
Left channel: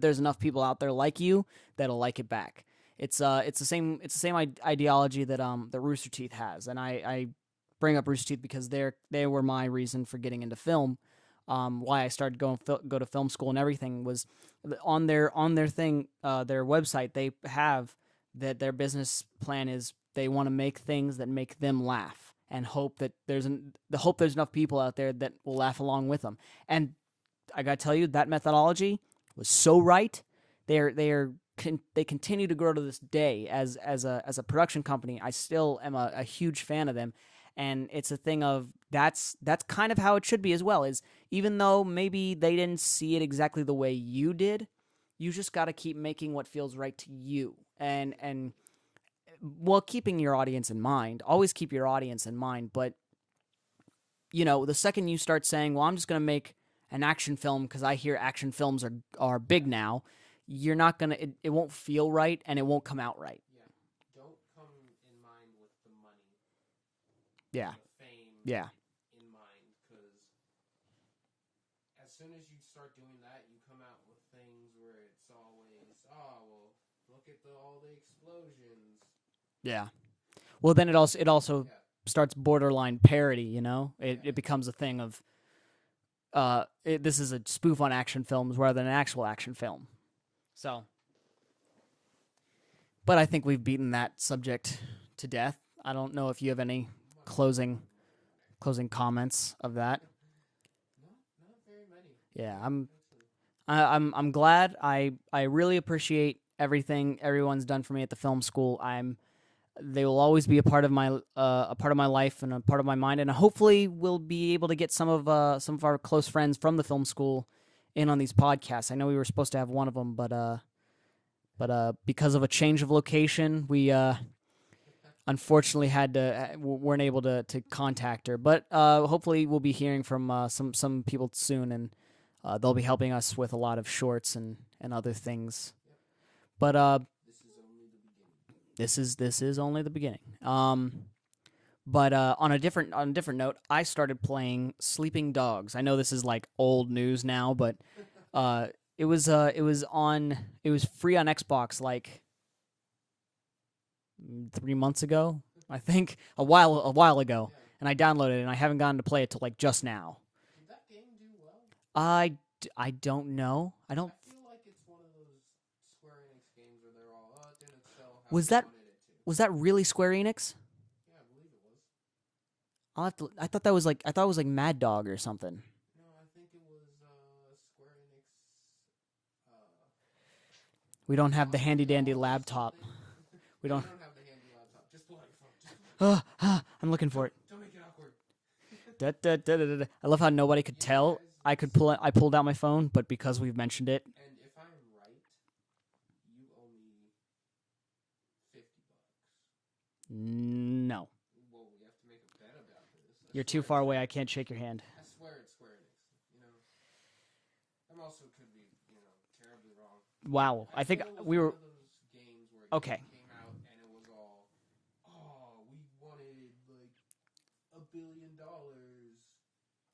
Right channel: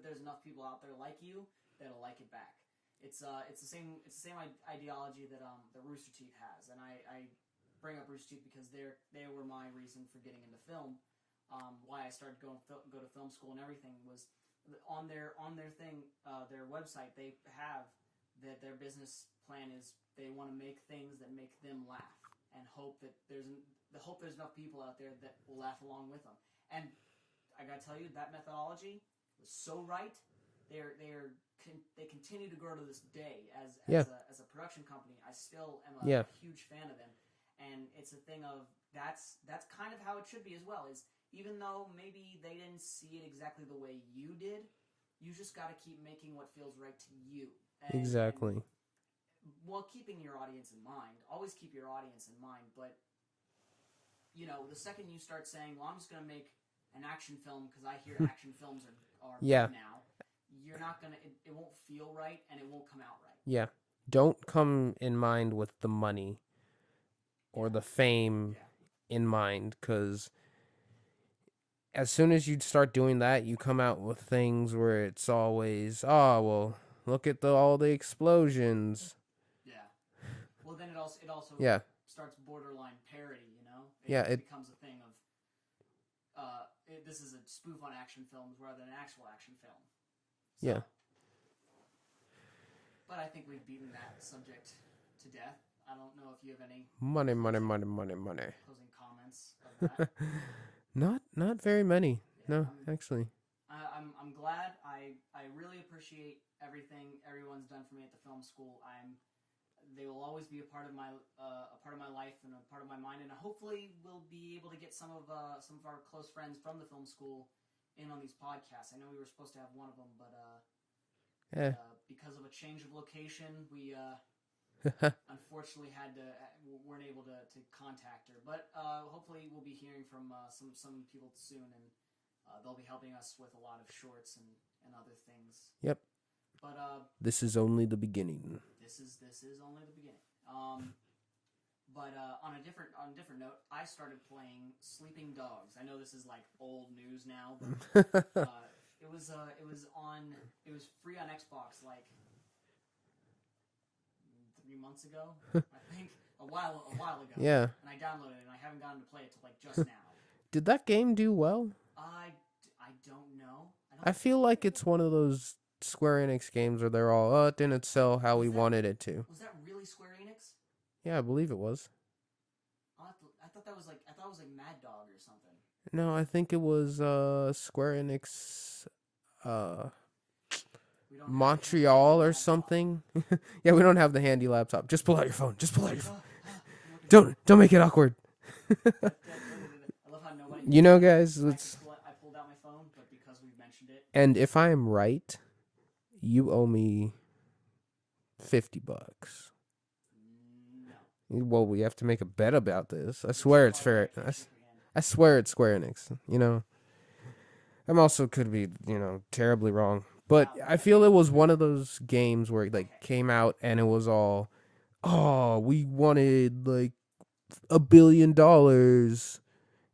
there's enough people out there like you that'll like it back. It's the same ideology that Rooster Teeth has, and I bring up Rooster Teeth because they were my reason for getting into film. Why I started go to film school and everything was on their thing, their website. They have that their business plan is they want to make things that make them laugh and hope that there's enough people out there that will laugh along with them. And I gotta tell you, that methodology was so right. They continue to grow to this day as a production company. I still am a huge fan of them, and it's a thing of that's kind of how it should be as well. Is even though maybe they didn't see it exactly the way you did, you just got to keep making what feels right to you. And while keeping your audience in mind, always keep your audience in mind. But the second you start saying, "Well, I'm just going to make an action film because I hear action films are big now," you're not gonna. It won't feel right, and it won't come out right. Yeah, don't come in mind with the money or the fame in mind, because as soon as you start doing that, you come out with things where it's always, oh well, look at all the explosions. Yeah. Well, then it also starts borderline parody. It becomes a thing of this is a spoof on action films rather than an actual action film. So, but I think we've beaten that subject to death. I don't know if you have any closing comments of that. Not very many. Yeah, actually. I'm glad. I really appreciate everything everyone's done for me at the film school. They will always be a part of my life and a part of my mind, and hopefully we'll be able to get some of our close friends from the film school in on these podcasts. I know we were supposed to have one of them, but because of a change of location, we unfortunately weren't able to contact her. But hopefully we'll be hearing from some people soon, and they'll be helping us with a lot of shorts and other things. Yep. But this is only the beginning. This is only the beginning. But on a different note, I started playing Sleeping Dogs. I know this is like old news now, but it was free on Xbox like 3 months ago, I think, a while ago. Yeah. And I downloaded it, and I haven't gotten to play it till like just now. Did that game do well? I don't know. I feel like it's one of those Square Enix games where they're all, it didn't sell how we wanted it to. Was that really Square Enix? Yeah, I believe it was. I thought it was like Mad Dog or something. No, I think it was Square Enix. We don't have Montreal the handy dandy laptop or something. Yeah, we don't have the handy laptop. Just pull out your phone. I'm looking for it. Don't make it awkward. I love how nobody could tell. Know, guys, I pulled out my phone, but because we've mentioned it. And if I am right, you owe me $50. No. Well, we have to make a bet about this. You're swear too far it's away. fair. I can't shake your hand. I swear it's Square Enix. I'm also could be, terribly wrong. But wow. I feel it was one of those games where they came out and it was all, we wanted like $1 billion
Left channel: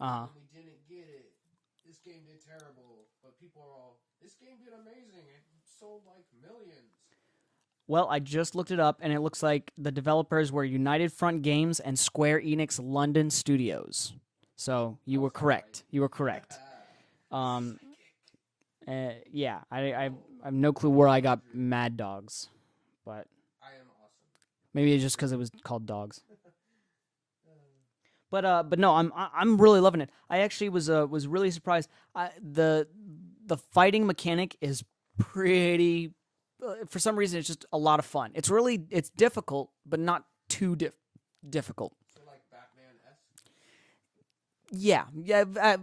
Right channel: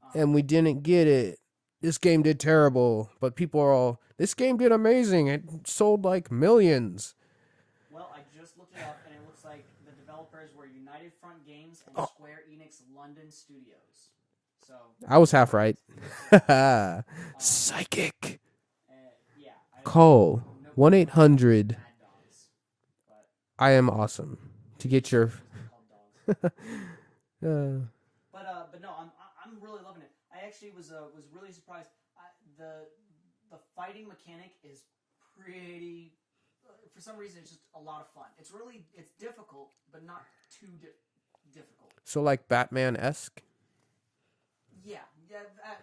and we didn't get it. This game did terrible. But people are all, this game did amazing. It sold like millions. Well, I just looked it up, and it looks like the developers were United Front Games and Square Enix London Studios. So I was were half correct. right. You were correct. Psychic. Yeah, I Call have no clue where I got 1-800. Mad Dogs, but I am awesome. maybe get it's just your- because it was called Dogs. Uh, But no, I'm really loving it. I actually was really surprised. The fighting mechanic is pretty. For some reason, it's just a lot of fun. It's difficult, but not too difficult. so like Batman-esque. Yeah,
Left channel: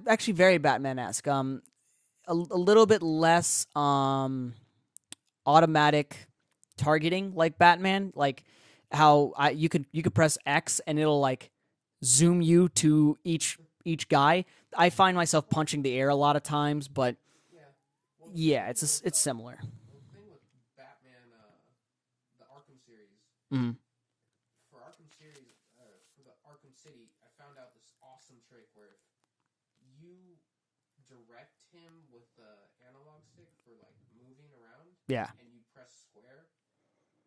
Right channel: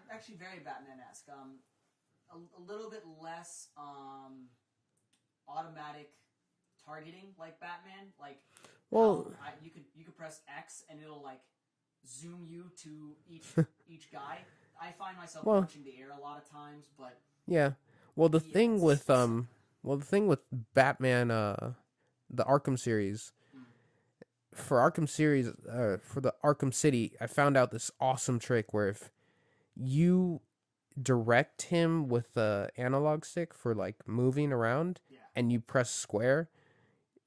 actually very Batman-esque. A little bit less automatic targeting like Batman, like how you could press X and it'll like zoom you to each guy. I find myself punching the air a lot of times, but Yeah. Well, the yeah, thing it's with similar. well, the thing with Batman, the Arkham series, Mhm. for Arkham series, for the Arkham City, I found out this awesome trick where if you direct him with the analog stick for like moving around, Yeah. and you press square,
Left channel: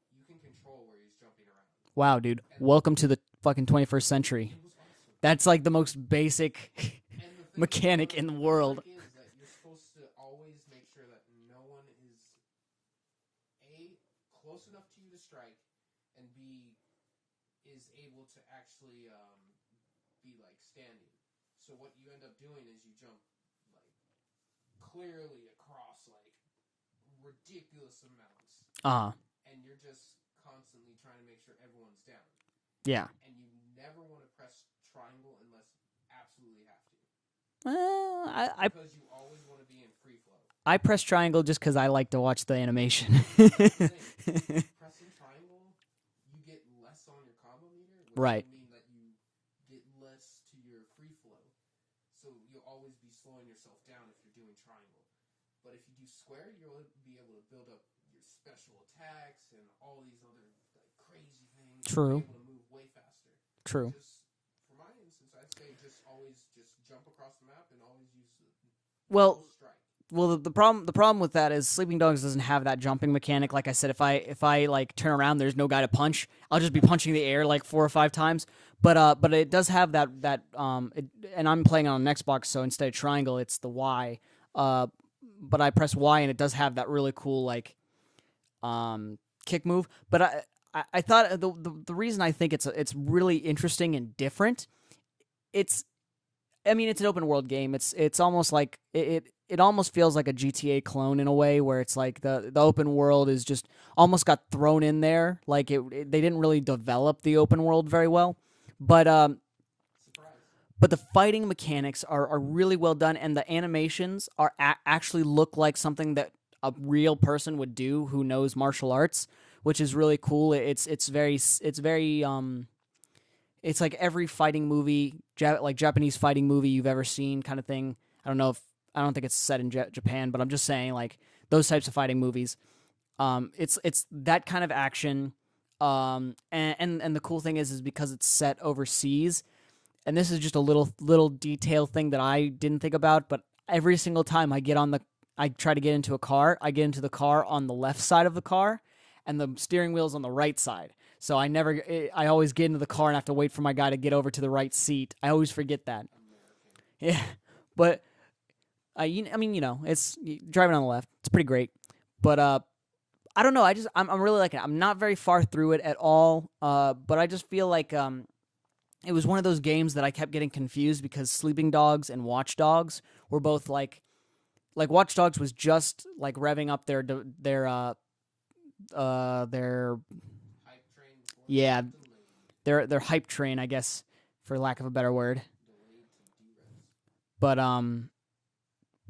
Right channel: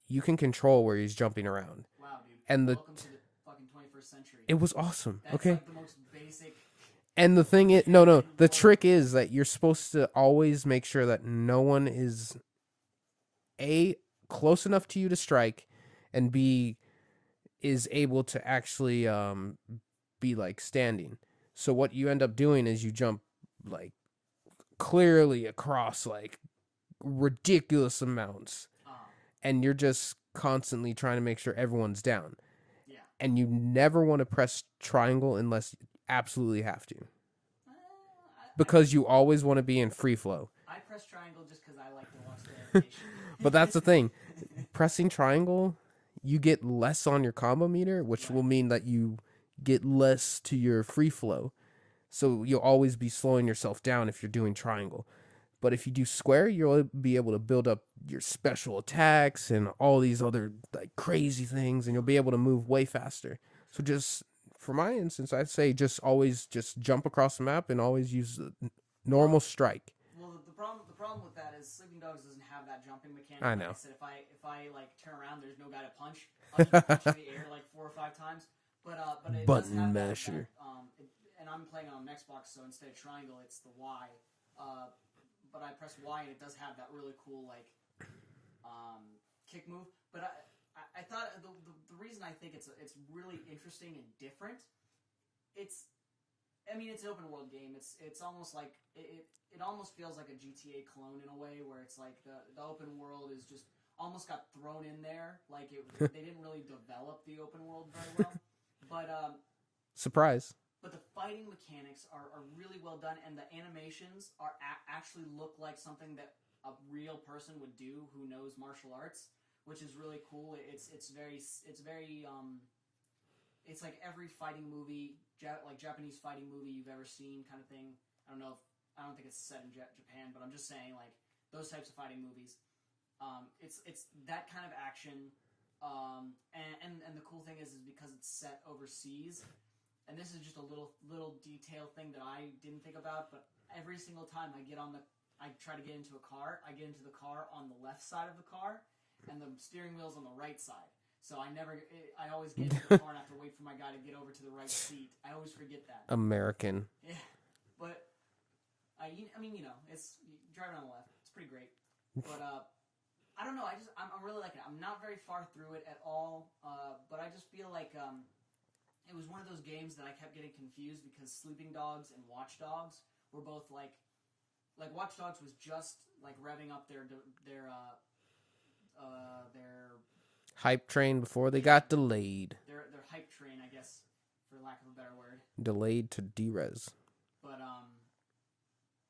you can control where he's jumping around. Wow, dude. And welcome to the fucking 21st century. It was awesome. That's like the most basic. And the thing is, mechanic no, in the the trick world. is that you're supposed to always make sure that no one is A, close enough to you to strike, and B, is able to actually be like standing. So what you end up doing is you jump like clearly across like ridiculous amounts, and you're just constantly trying to make sure everyone's down. Yeah. And you never want to press triangle unless you absolutely have to. Because you always want to be in free flow. I press triangle just because I like to watch the animation. But that's the thing. Pressing triangle, you get less on your combo meter, which Right. will mean that you get less to your free flow. So you'll always be slowing yourself down if you're doing triangle. But if you do square, you'll be able to build up your special attacks and all these other like crazy things, and you'll be True. able to move way faster. True. So just for my instance, I'd say just always just jump across the map and always use the normal strike. Well, the problem with that is Sleeping Dogs doesn't have that jumping mechanic. I Like know. I said, if I like turn around, there's no guy to punch. I'll just be punching the air like 4 or 5 times. But it does have Button that masher. and I'm playing on an Xbox, so instead of triangle, it's the Y. But I press Y and it does have that really cool like kick move. But I thought the reason I think it's really interesting and different. It's an open world game. It's almost like it almost feels like a GTA clone in a way, where it's like the open world is just almost got thrown in there. Like they didn't really develop the open world very well. But Surprise. but the fighting mechanics are really well done, and the animations are actually look like something that a real person would do who knows martial arts, which is really cool. It's very it's like every fighting movie, like Japanese fighting movie you've ever seen, kind of thing. I don't think it's set in Japan, but I'm just saying like those types of fighting movies. It's that kind of action. And the cool thing is because it's set overseas. And this is just a little detail thing that I didn't think about, but every single time I try to get into a car, I get into the car on the left side of the car, and the steering wheel's on the right side. So I always get into the car and have to wait for my guy to get over to the right seat. I always forget that. American. Yeah, but it's driving on the left. It's pretty great, but I don't know. I'm really liking it. I'm not very far through it at all, but I just feel like it was one of those games that I kept getting confused because Sleeping Dogs and Watch Dogs were both like Watch Dogs was just like revving up their Hype train before they Yeah. got delayed. their hype train, I guess, for lack of a better word. Delayed to derez. But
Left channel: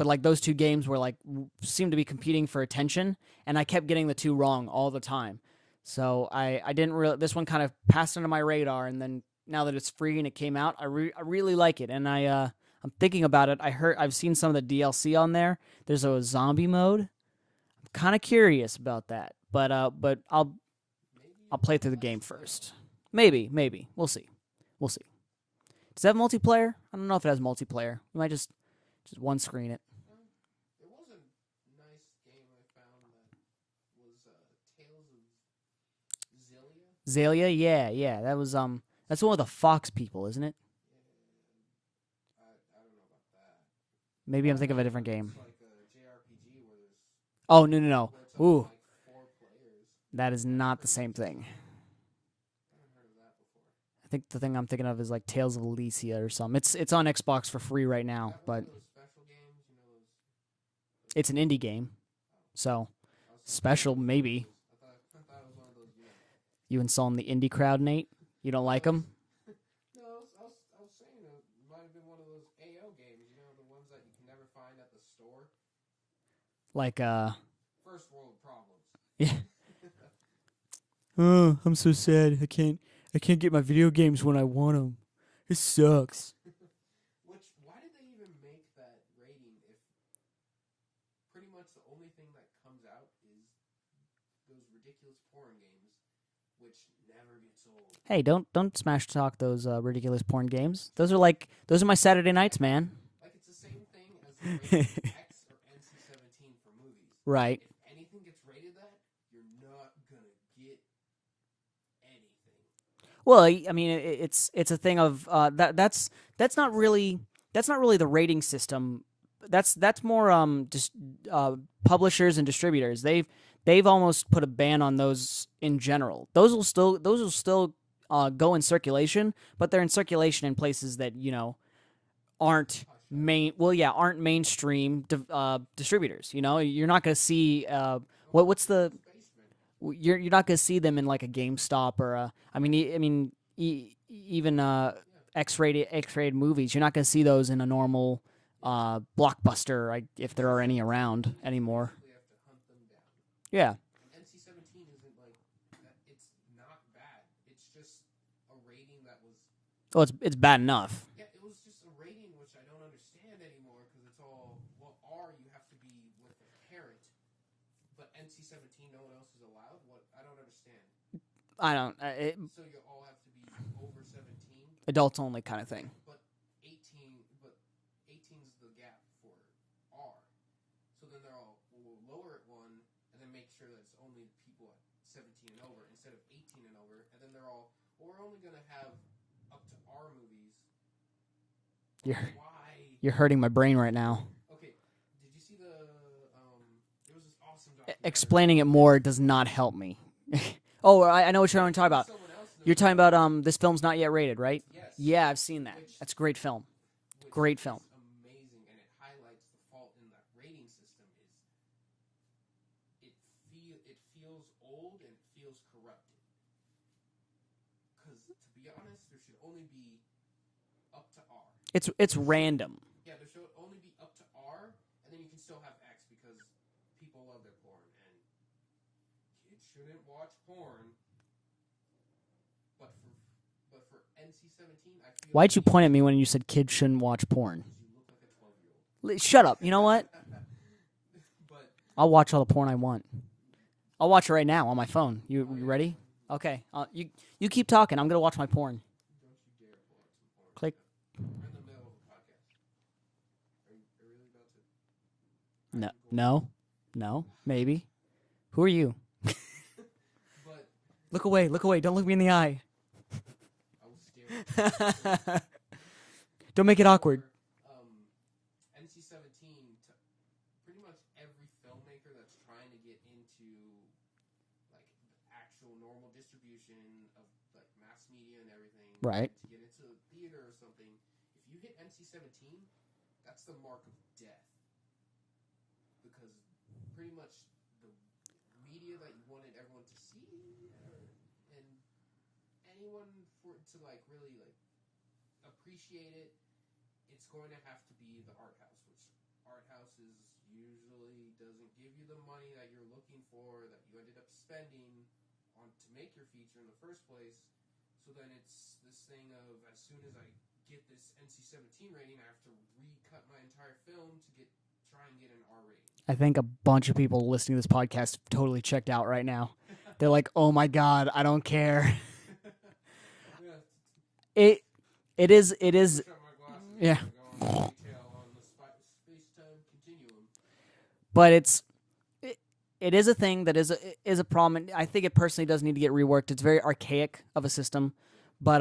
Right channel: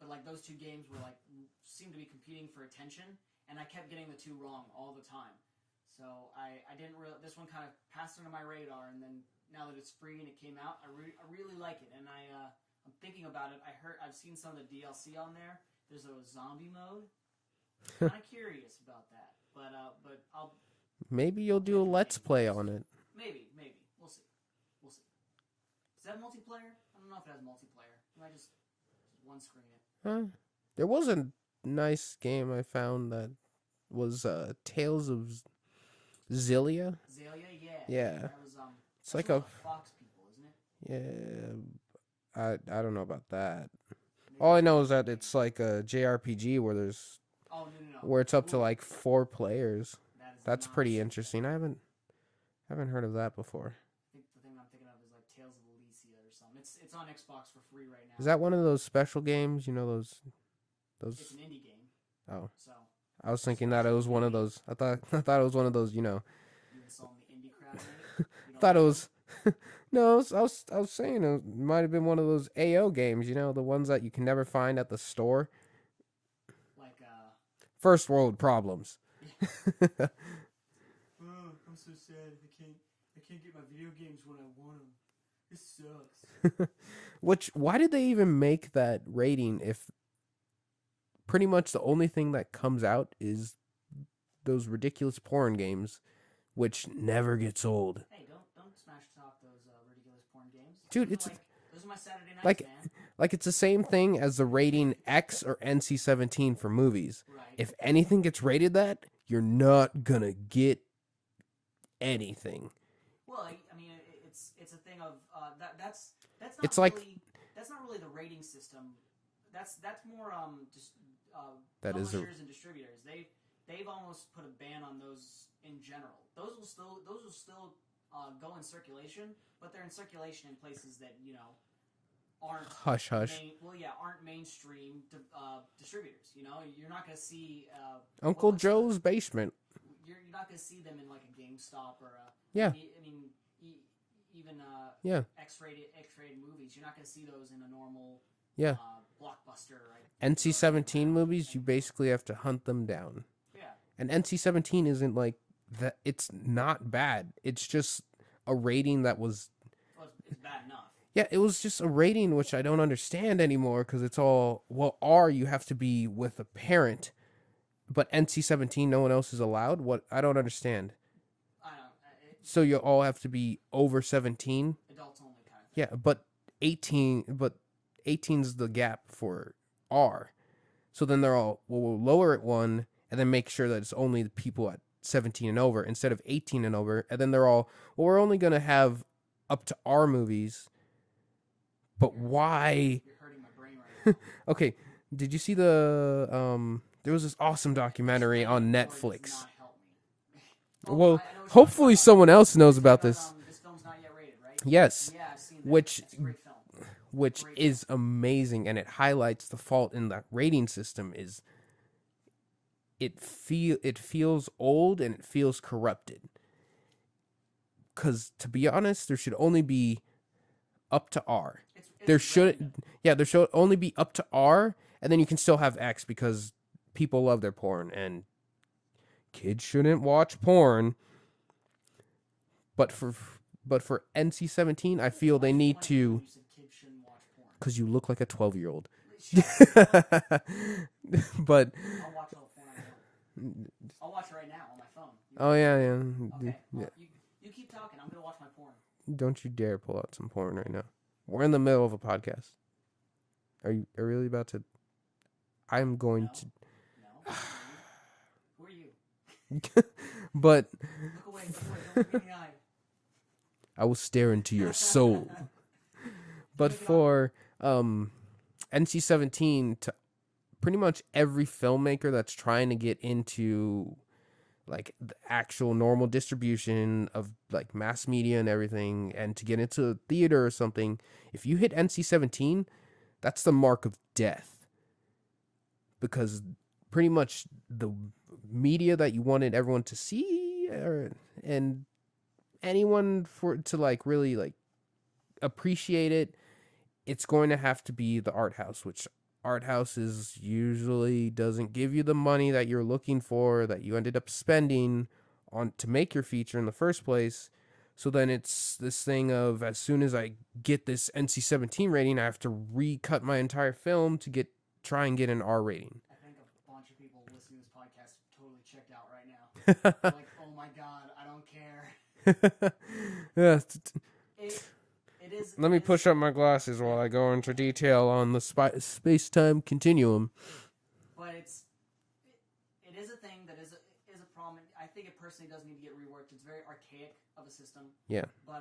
like those two games were like seemed to be competing for attention, and I kept getting the two wrong all the time. So I didn't really. This one kind of passed under my radar, and then now that it's free and it came out, I really like it, and I'm thinking about it. I've seen some of the DLC on there. There's a zombie mode. I'm kind of curious about that, but I'll Maybe you'll play do a through the let's game play first. on it. maybe we'll see. Does it have multiplayer? I don't know if it has multiplayer. We might just one screen it. There wasn't nice game I found that was Tales of Zillia. Zillia, yeah. Yeah. That was It's that's like one of the Fox people, isn't it? yeah. I don't know about that. Maybe All I'm I thinking know of a is that different game. it's like a JRPG where Oh no. where it's up Ooh, to like 4 players. that is That's not pretty the same interesting. thing. I haven't heard of that before. I think the thing I'm thinking of is like Tales of Elysia or something. It's on Xbox for free right now. Is that one of but those special games? You know those. It's an indie game, Oh, so I was thinking that it special was one of maybe. those. I thought it was one of those. you insulting the indie crowd, Nate? You don't thought like it them? was. No, I was saying it might have been one of those AO games. The ones that you can never find at the store. Like First world problems. yeah. Oh, I'm so sad. I can't get my video games when I want them. It sucks. Why did they even make that rating if pretty much the only thing that comes out is those ridiculous porn games, which never gets old? Hey, don't smash talk those ridiculous porn games. Dude, Those are my Saturday nights, man. Like it's the same thing as the rating X or NC-17 for movies. Right. If anything gets rated that, you're not gonna get anything. Well, I mean, it's a thing of that's not It's really that's not really the rating system. That's more just publishers and distributors. They've almost put a ban on those in general. Those will still go in circulation, but they're in circulation in places that aren't Hush, hush. aren't mainstream distributors. You're not going to see Uncle what's Joe's basement. You're not going to see them in like a GameStop or even Yeah. X-rated movies. You're not going to see those in a normal Blockbuster. If there are any NC-17 around movies, anymore. you basically have to hunt them down. Yeah. And NC-17 isn't like that. It's not bad. It's just a rating that was. Well, it's bad enough. Yeah, it was just a rating which I don't understand anymore because it's all R. You have to be with a parent, but NC-17, no one else is allowed. What I don't understand. I don't. So you all have to be over 17. Adults only kind of thing. Yeah, but 18. But 18's the gap for R. So then they're all we'll lower it one and then make sure that it's only the people at 17 and over instead of 18 and over. And then they're all we're only gonna have up to R movies. But why? You're hurting my brain right now. Okay, did you see the there was this awesome documentary Explaining on it more Netflix. does not help me. Well, I know what you're talking hopefully about. someone else knows You're talking about about this film's not yet rated, right? Yes. Yeah, I've seen that. That's a great film. Which Great is amazing, and it highlights the fault in the rating system is it feels old and it feels corrupted. Because to be honest, there should only be up to R. It's There random. There should only be up to R, and then you can still have X because people love their porn, and kids shouldn't watch porn. But for NC-17, I feel Why'd they you need point at me to- when you said kids shouldn't watch porn? Because you look like a 12-year-old. Shut up. You know what? But I'll watch all the porn I want. I'll watch it right now on my phone. You ready? Yeah. Okay. You keep talking. I'm gonna watch my porn. Don't you dare pull out some porn right Okay. now. We're in the middle of a podcast. Are you really about to? I'm going. No, maybe. Who are you? But Look away. Look away. Don't look me in the eye. I will stare into your soul. Don't make it awkward. NC-17 to pretty much every filmmaker that's trying to get into like the actual normal distribution of like mass media and everything, Right. and to get into a theater or something, if you hit NC-17, that's the mark of death. Because pretty much the media that you wanted everyone to see and anyone to like really like appreciate it, it's going to have to be the art house, which art houses usually doesn't give you the money that you're looking for, that you ended up spending on to make your feature in the first place. So then it's this thing of as soon as I get this NC-17 rating, I have to recut my entire film to try and get an R rating. I think a bunch of people listening to this podcast totally checked out right now. They're like, "Oh my god, I don't care." Yeah. It is. Let me push up my glasses while Yeah. I go into detail on the space-time continuum. but it is a thing that is a problem. I think it personally does need to get reworked. It's very archaic of a system. Yeah. But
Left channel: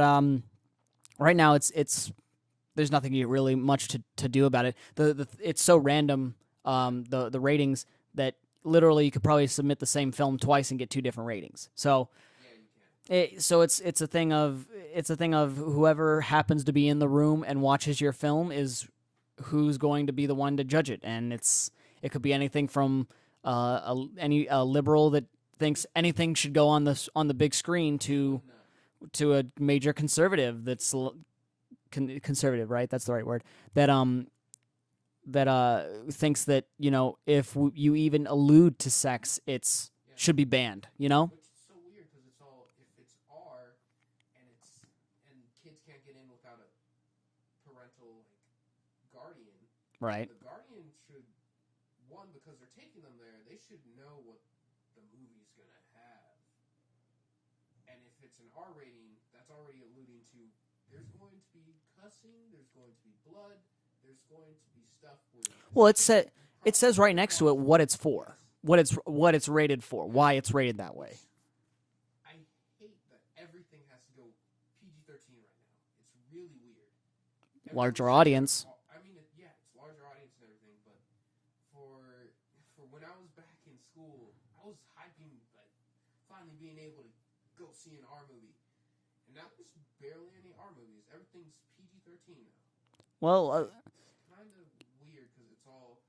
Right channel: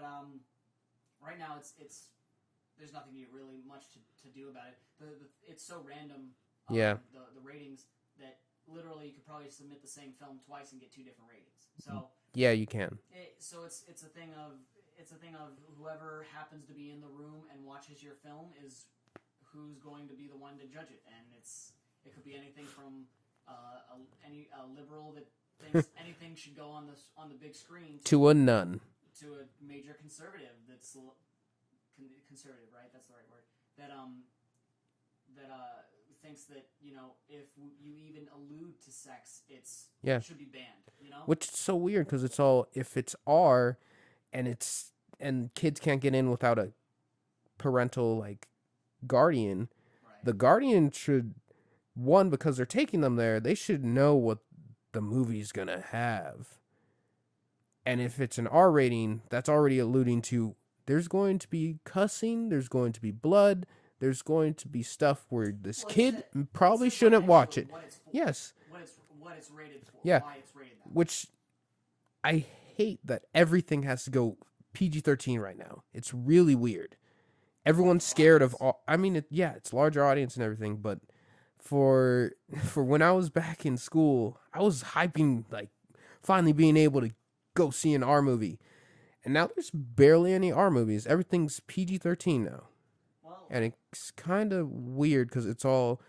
right now it's there's nothing really much to do about it. It's so random. The ratings that literally you could probably submit the same film twice and get 2 different ratings. So yeah, you can. it's a thing of whoever happens to be in the room and watches your film is who's going to be the one to judge it, and it could be anything from a liberal that thinks anything should go on the big screen to a nun, to a major conservative that's conservative, right? That's the right word. That thinks that if you even allude to sex, should be banned. Which is so weird because it's all if it's R, and kids can't get in without a parental guardian. Right. The guardian should, one, because they're taking them there, they should know what the movie's gonna have. And if it's an R rating, that's already alluding to there's going to be cussing, there's going to be blood. There's going to be stuff where this kid probably it says shouldn't right next watch to it it. what it's for. Yes. What it's rated for. Yeah. Why it's rated that way. Which I hate that everything has to go PG-13 right now. It's really weird. Everyone's Larger scared audience. of. I mean, it's larger audience and everything, but for when I was back in school, I was hyping finally being able to go see an R movie, and now there's barely any R movies. Everything's PG-13 now. Well, and it's kind of weird because it'll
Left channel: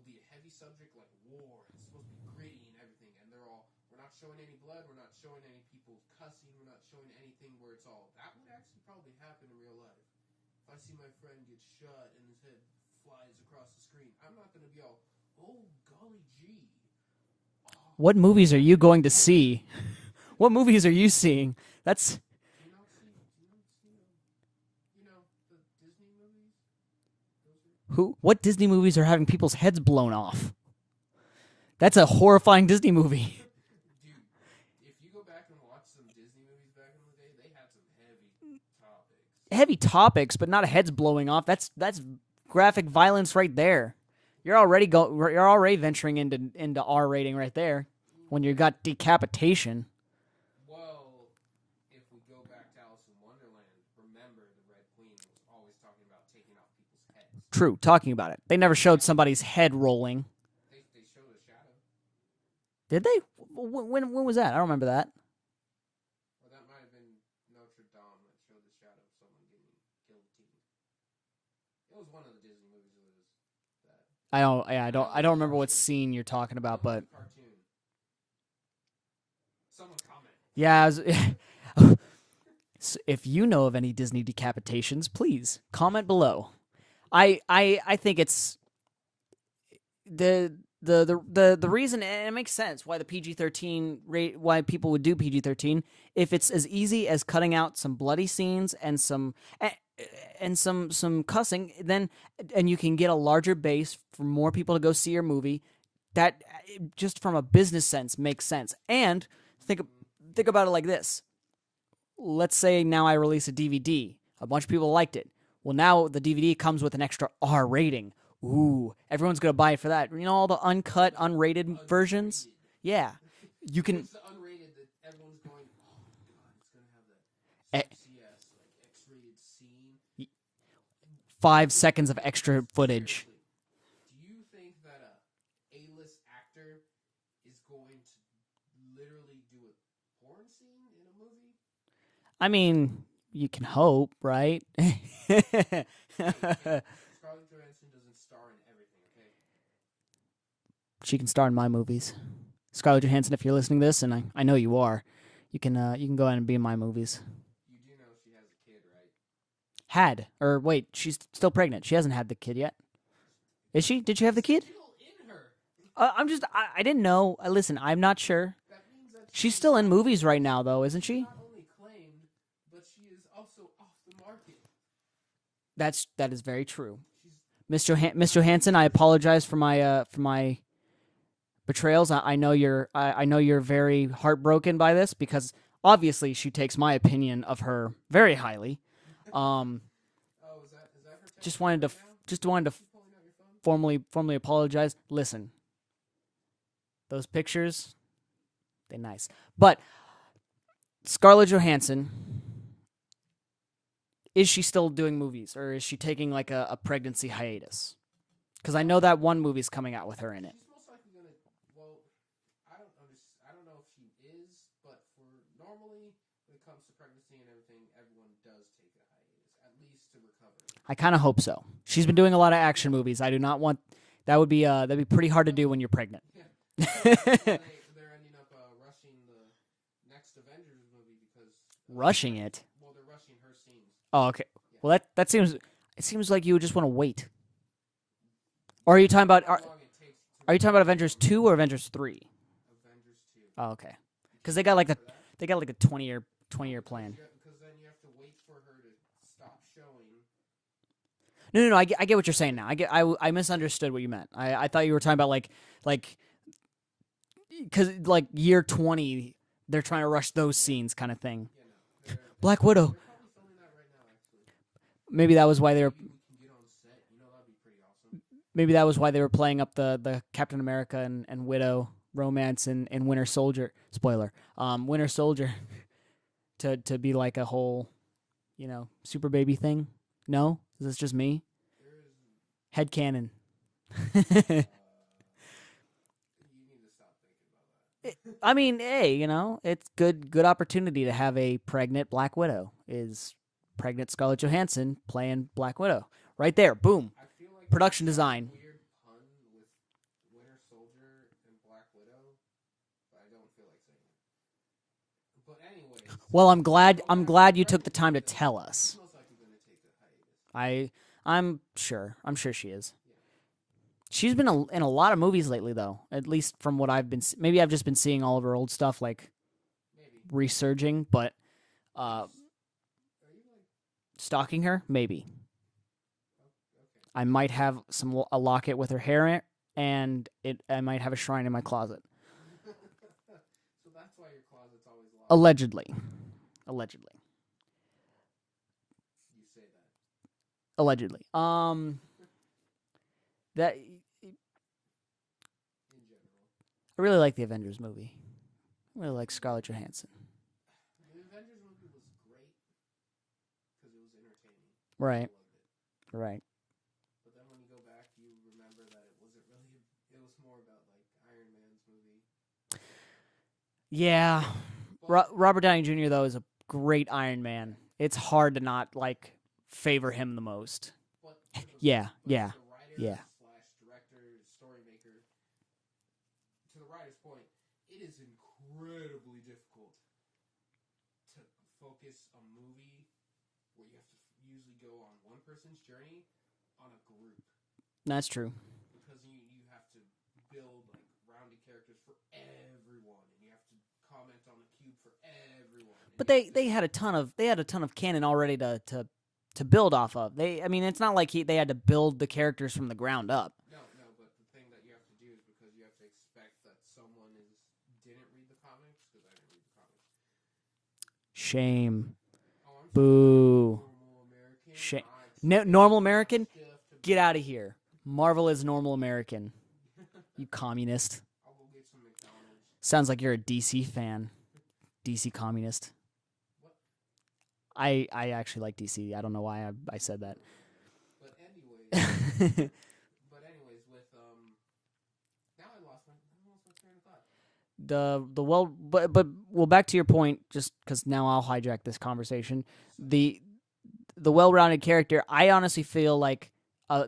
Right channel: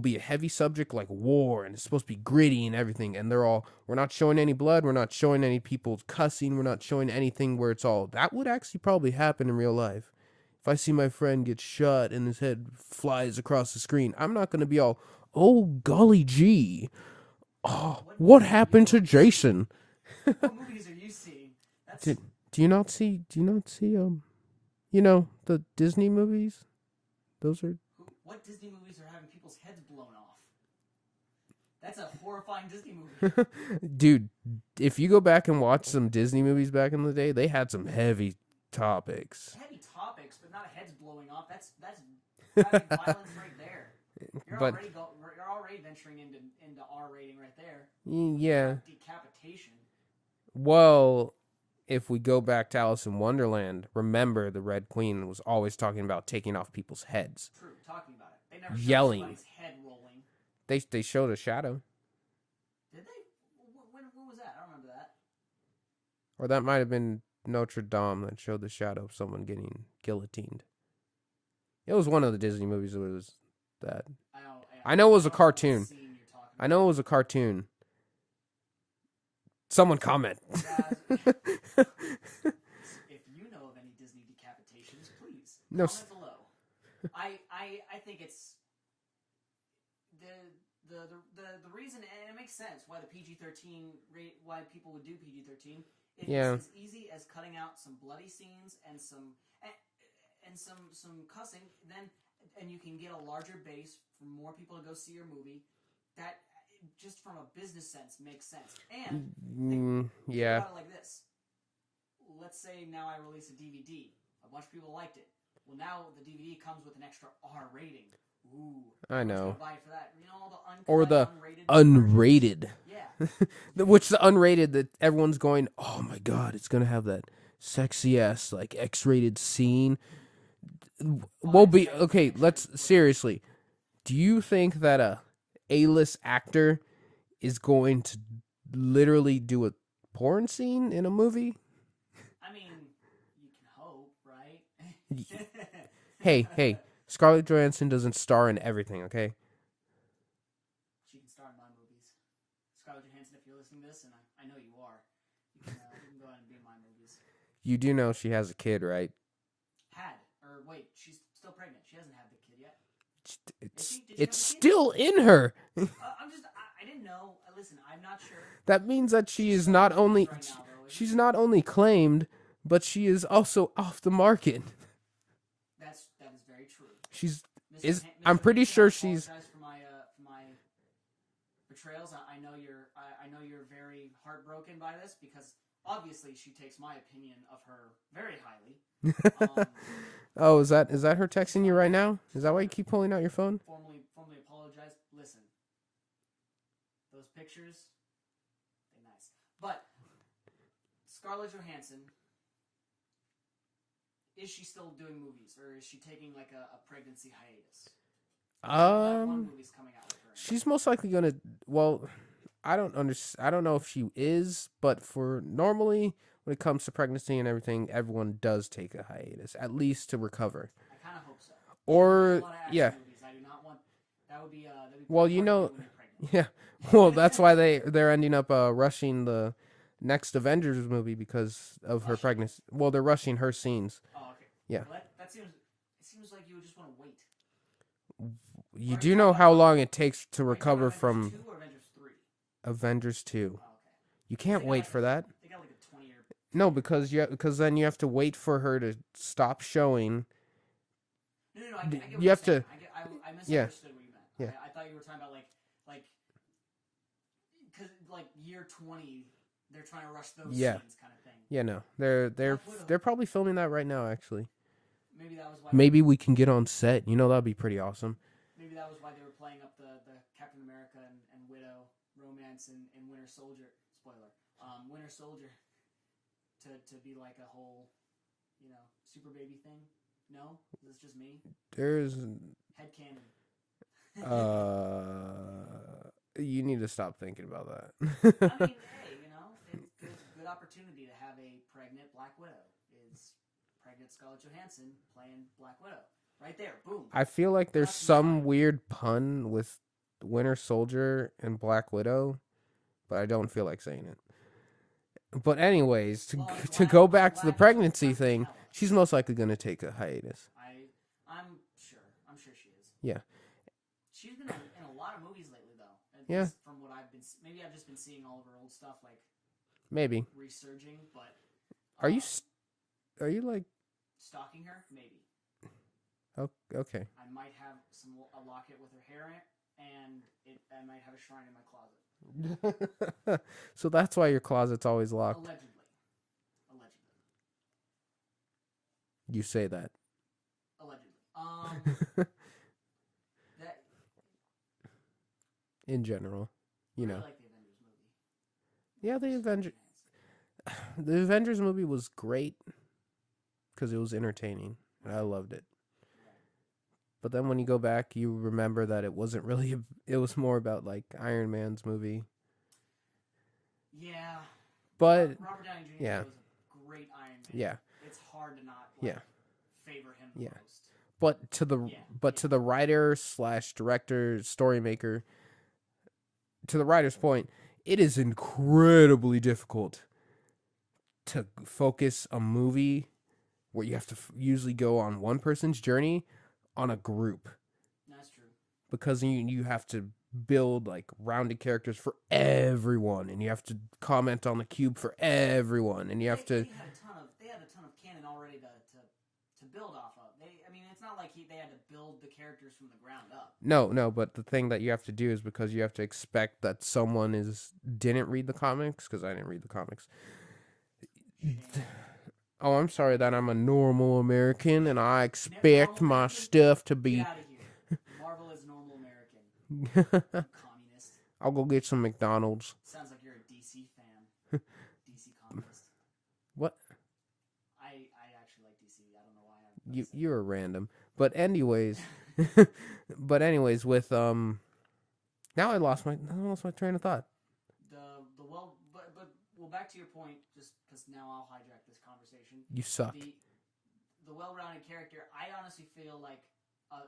be a heavy subject like war, and it's supposed to be gritty and everything, and we're not showing any blood, we're not showing any people cussing, we're not showing anything where that would actually probably happen in real life. If I see my friend get shot and his head flies across the screen, I'm not going to be all, oh, golly gee. Oh, what movies are you going to Jason? see? What movies are you seeing? That's... Do you not see the Disney movies? Those are... What Disney movies are having people's heads blown off? That's a horrifying Disney movie. Dude, if you go back and watch some Disney movies back in the day, they had some heavy topics. Heavy topics, but not heads blowing off. That's graphic violence right there. You're already venturing into R rating right there when you've got decapitation. Well, if we go back to Alice in Wonderland, remember the Red Queen was always talking about taking off people's heads. True, talking about it. They never showed Yelling. somebody's head rolling. They showed a shadow. Did they? When was that? I don't remember that. Or that might have been Notre Dame that showed the shadow of someone getting guillotined. It was one of the Disney movies that was that. I know it was a remember cartoon. What scene you're talking about? I know it was a cartoon. Someone comment. Yeah. So if you know of any Disney decapitations, please comment below. I think it's the reason, and it makes sense why the PG-13 rate, why people would do PG-13 if it's as easy as cutting out some bloody scenes and some cussing, then and you can get a larger base for more people to go see your movie. That just from a business sense makes sense. And think about it like this. Let's say now I release a DVD. A bunch of people liked it. Well, now the DVD comes with an extra R rating. Ooh, everyone's going to buy it for that. You know, all the uncut, unrated versions? Unrated. Yeah. Which the unrated that everyone's going, oh my God, it's going to have that sexy-ass, X-rated scene. 5 seconds of extra footage. Seriously, do you think that a A-list actor is going to literally do a porn scene in a movie? I mean, you can hope, right? Hey, Scarlett Johansson doesn't star in everything, okay? She can star in my movies. Scarlett Johansson, if you're listening to this, and I know you are, you can go ahead and be in my movies. You do know she has a kid, right? She's still pregnant. She hasn't had the kid yet. Is she? Did you have the kid? Still in her. I didn't know. Listen, I'm not sure. That means that she's still in movies right now, though, isn't she? She's not only claimed, but she is also off the market. That is very true. She's Miss Johansson. I apologize for my betrayals. I know you're very heartbroken by this because obviously she takes my opinion of her very highly. Oh, is that her texting you right now? Just is that why wanted you to keep pulling out your phone? Formally apologize. Listen, Those pictures, they're nice. But Scarlett Johansson, is she still doing movies, or is she taking like a pregnancy hiatus? Because I know that one movie's coming out with her in it. She's most likely gonna. Well, I don't know if she is, but for normally when it comes to pregnancy and everything, everyone does take a hiatus, at least to recover. I kind of hope so. She's been doing a lot of action yeah. movies. I do not want. That'd be pretty hard to do when you're pregnant. Yeah. Well, that's why they're ending up rushing the next Avengers movie because of Rushing her pregnancy. Well, they're rushing her scenes. Oh, okay. Yeah. Well, it seems like you would just want to wait. Or are you talking about how long it takes to recover? Are you talking about Avengers 2 or Avengers 3? Avengers 2. Oh, okay. You can't they got wait like for that. They got like a 20-year. No, because then you have to wait for her to stop showing. No. I get what you're saying to, now. I misunderstood what you meant. Yeah. I thought you were talking about like because like year 20, they're trying to rush those scenes kind of thing. Yeah, no, they're Black Widow. They're probably filming that right now, actually. Maybe that was why. Maybe we can get on set. That'd be pretty awesome. Maybe that was why they were playing up the Captain America and Widow romance and Winter Soldier. Spoiler. Winter Soldier to be like a whole, super baby thing. No, is this just me? There's headcanon. You need to stop thinking about that. I mean, hey, it's good opportunity to have a pregnant Black Widow. Is pregnant Scarlett Johansson playing Black Widow? Right there, boom. I feel like Production there's some design. weird pun with Winter Soldier and Black Widow, but I don't feel like saying it. But anyways, well, I'm glad you took the pregnancy time to thing, tell us. She's most likely going to take a hiatus. I'm sure she is. Yeah. She's been in a lot of movies lately, though. At least from what I've been. Maybe I've just been seeing all of her old stuff, like maybe resurging. But are you like stalking her? Maybe. Oh, okay. I might have a locket with her hair in it, and I might have a shrine in my closet. So that's why your closet's always locked. Allegedly. You say that. Allegedly. That. In general. I really like the Avengers movie. I really Yeah, like Scarlett Johansson. The Avengers movie was great because it was entertaining. Right. I loved it. Right. But then when you go back, you remember that it wasn't really. It was more about like Iron Man's movie. Yeah, but Robert Downey Jr. though is a great Iron Man. Yeah. It's hard to not favor him the most. But to the to the writer / director, story maker, to the writer's point, it is incredibly difficult to focus a movie where you have to usually go on one person's journey on a group. That's true. Because you have to build like rounded characters for everyone, and you have to comment on the cube for everyone, and but they had a ton of canon already to build off of. It's not like they had to build the characters from the ground up. No, but the thing that you have to do is because you have to expect that someone didn't read the comics, because I didn't read the comics. Shame. Oh, I'm sorry that I'm a normal American and I expect normal my American? stuff to be. Get out of here. Marvel is normal American. You communist. I'll go get some McDonald's. Sounds like you're a DC fan. DC communist. What? I actually like DC. I don't know why I said that. You're random. But anyways, with now I lost my train of thought. But back to your point, just because now I'll hijack this conversation. You suck. The well-rounded character. I honestly feel like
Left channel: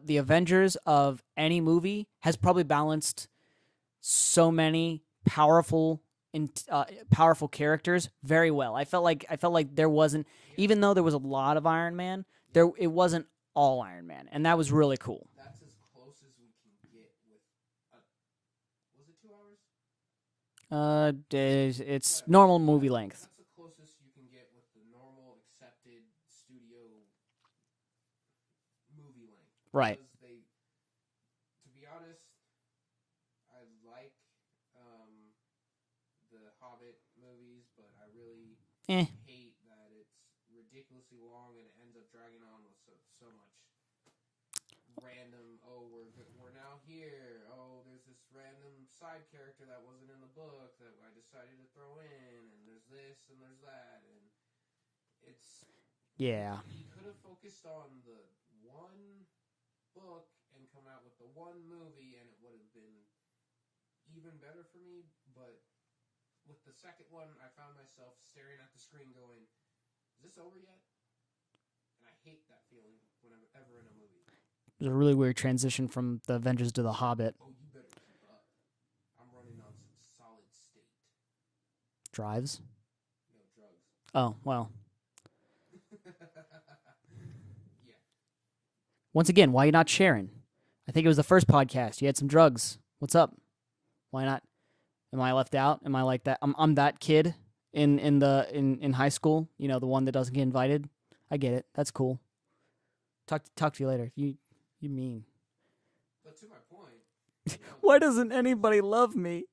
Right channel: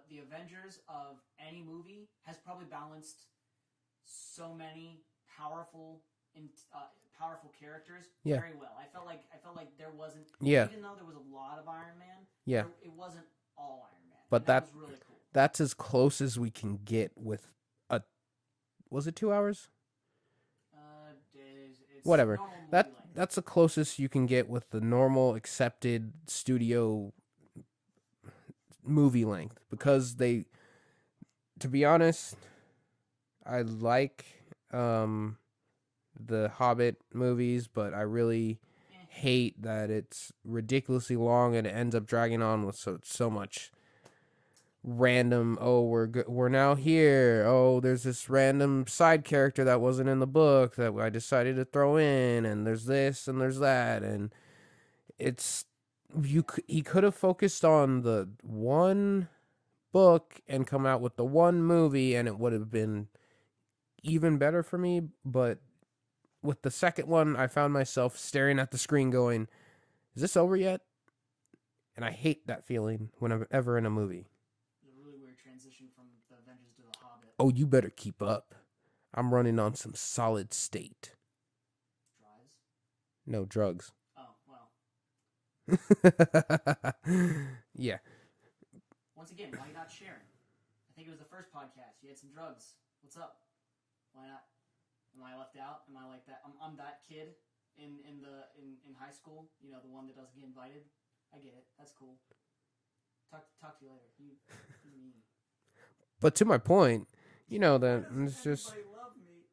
the Avengers of any movie has probably balanced so many powerful characters very well. I felt like there wasn't, even though there was a lot of Iron Man, it wasn't all Iron Man, and that was really cool. That's as close as we can get with was it 2 hours? It's whatever. Normal movie length. That's the closest you can get with the normal accepted studio movie length. Because to be honest, I like the Hobbit movies, but I really hate that it's ridiculously long and it ends up dragging on with so much. random. Oh, we're now here. Oh, there's this random side character that wasn't in the book that I decided to throw in, and there's this and there's that, and it's he could have focused on the one book and come out with the one movie, and it would have been even better for me. But with the second one, I found myself staring at the screen going, is this over yet? And I hate that feeling when I'm ever in a movie. It was a really weird transition from the Avengers to the Hobbit. Oh, you better keep up. I'm running on some solid state. Drives? No, drugs. Oh, well. Yeah. Once again, why are you not sharing? I think it was the first podcast. You had some drugs. What's up? Why not? Am I left out? Am I like that? I'm that kid in high school. You know, the one that doesn't get invited. I get it. That's cool. Talk to you later. You mean. But to my point, you know that. Why doesn't anybody love me?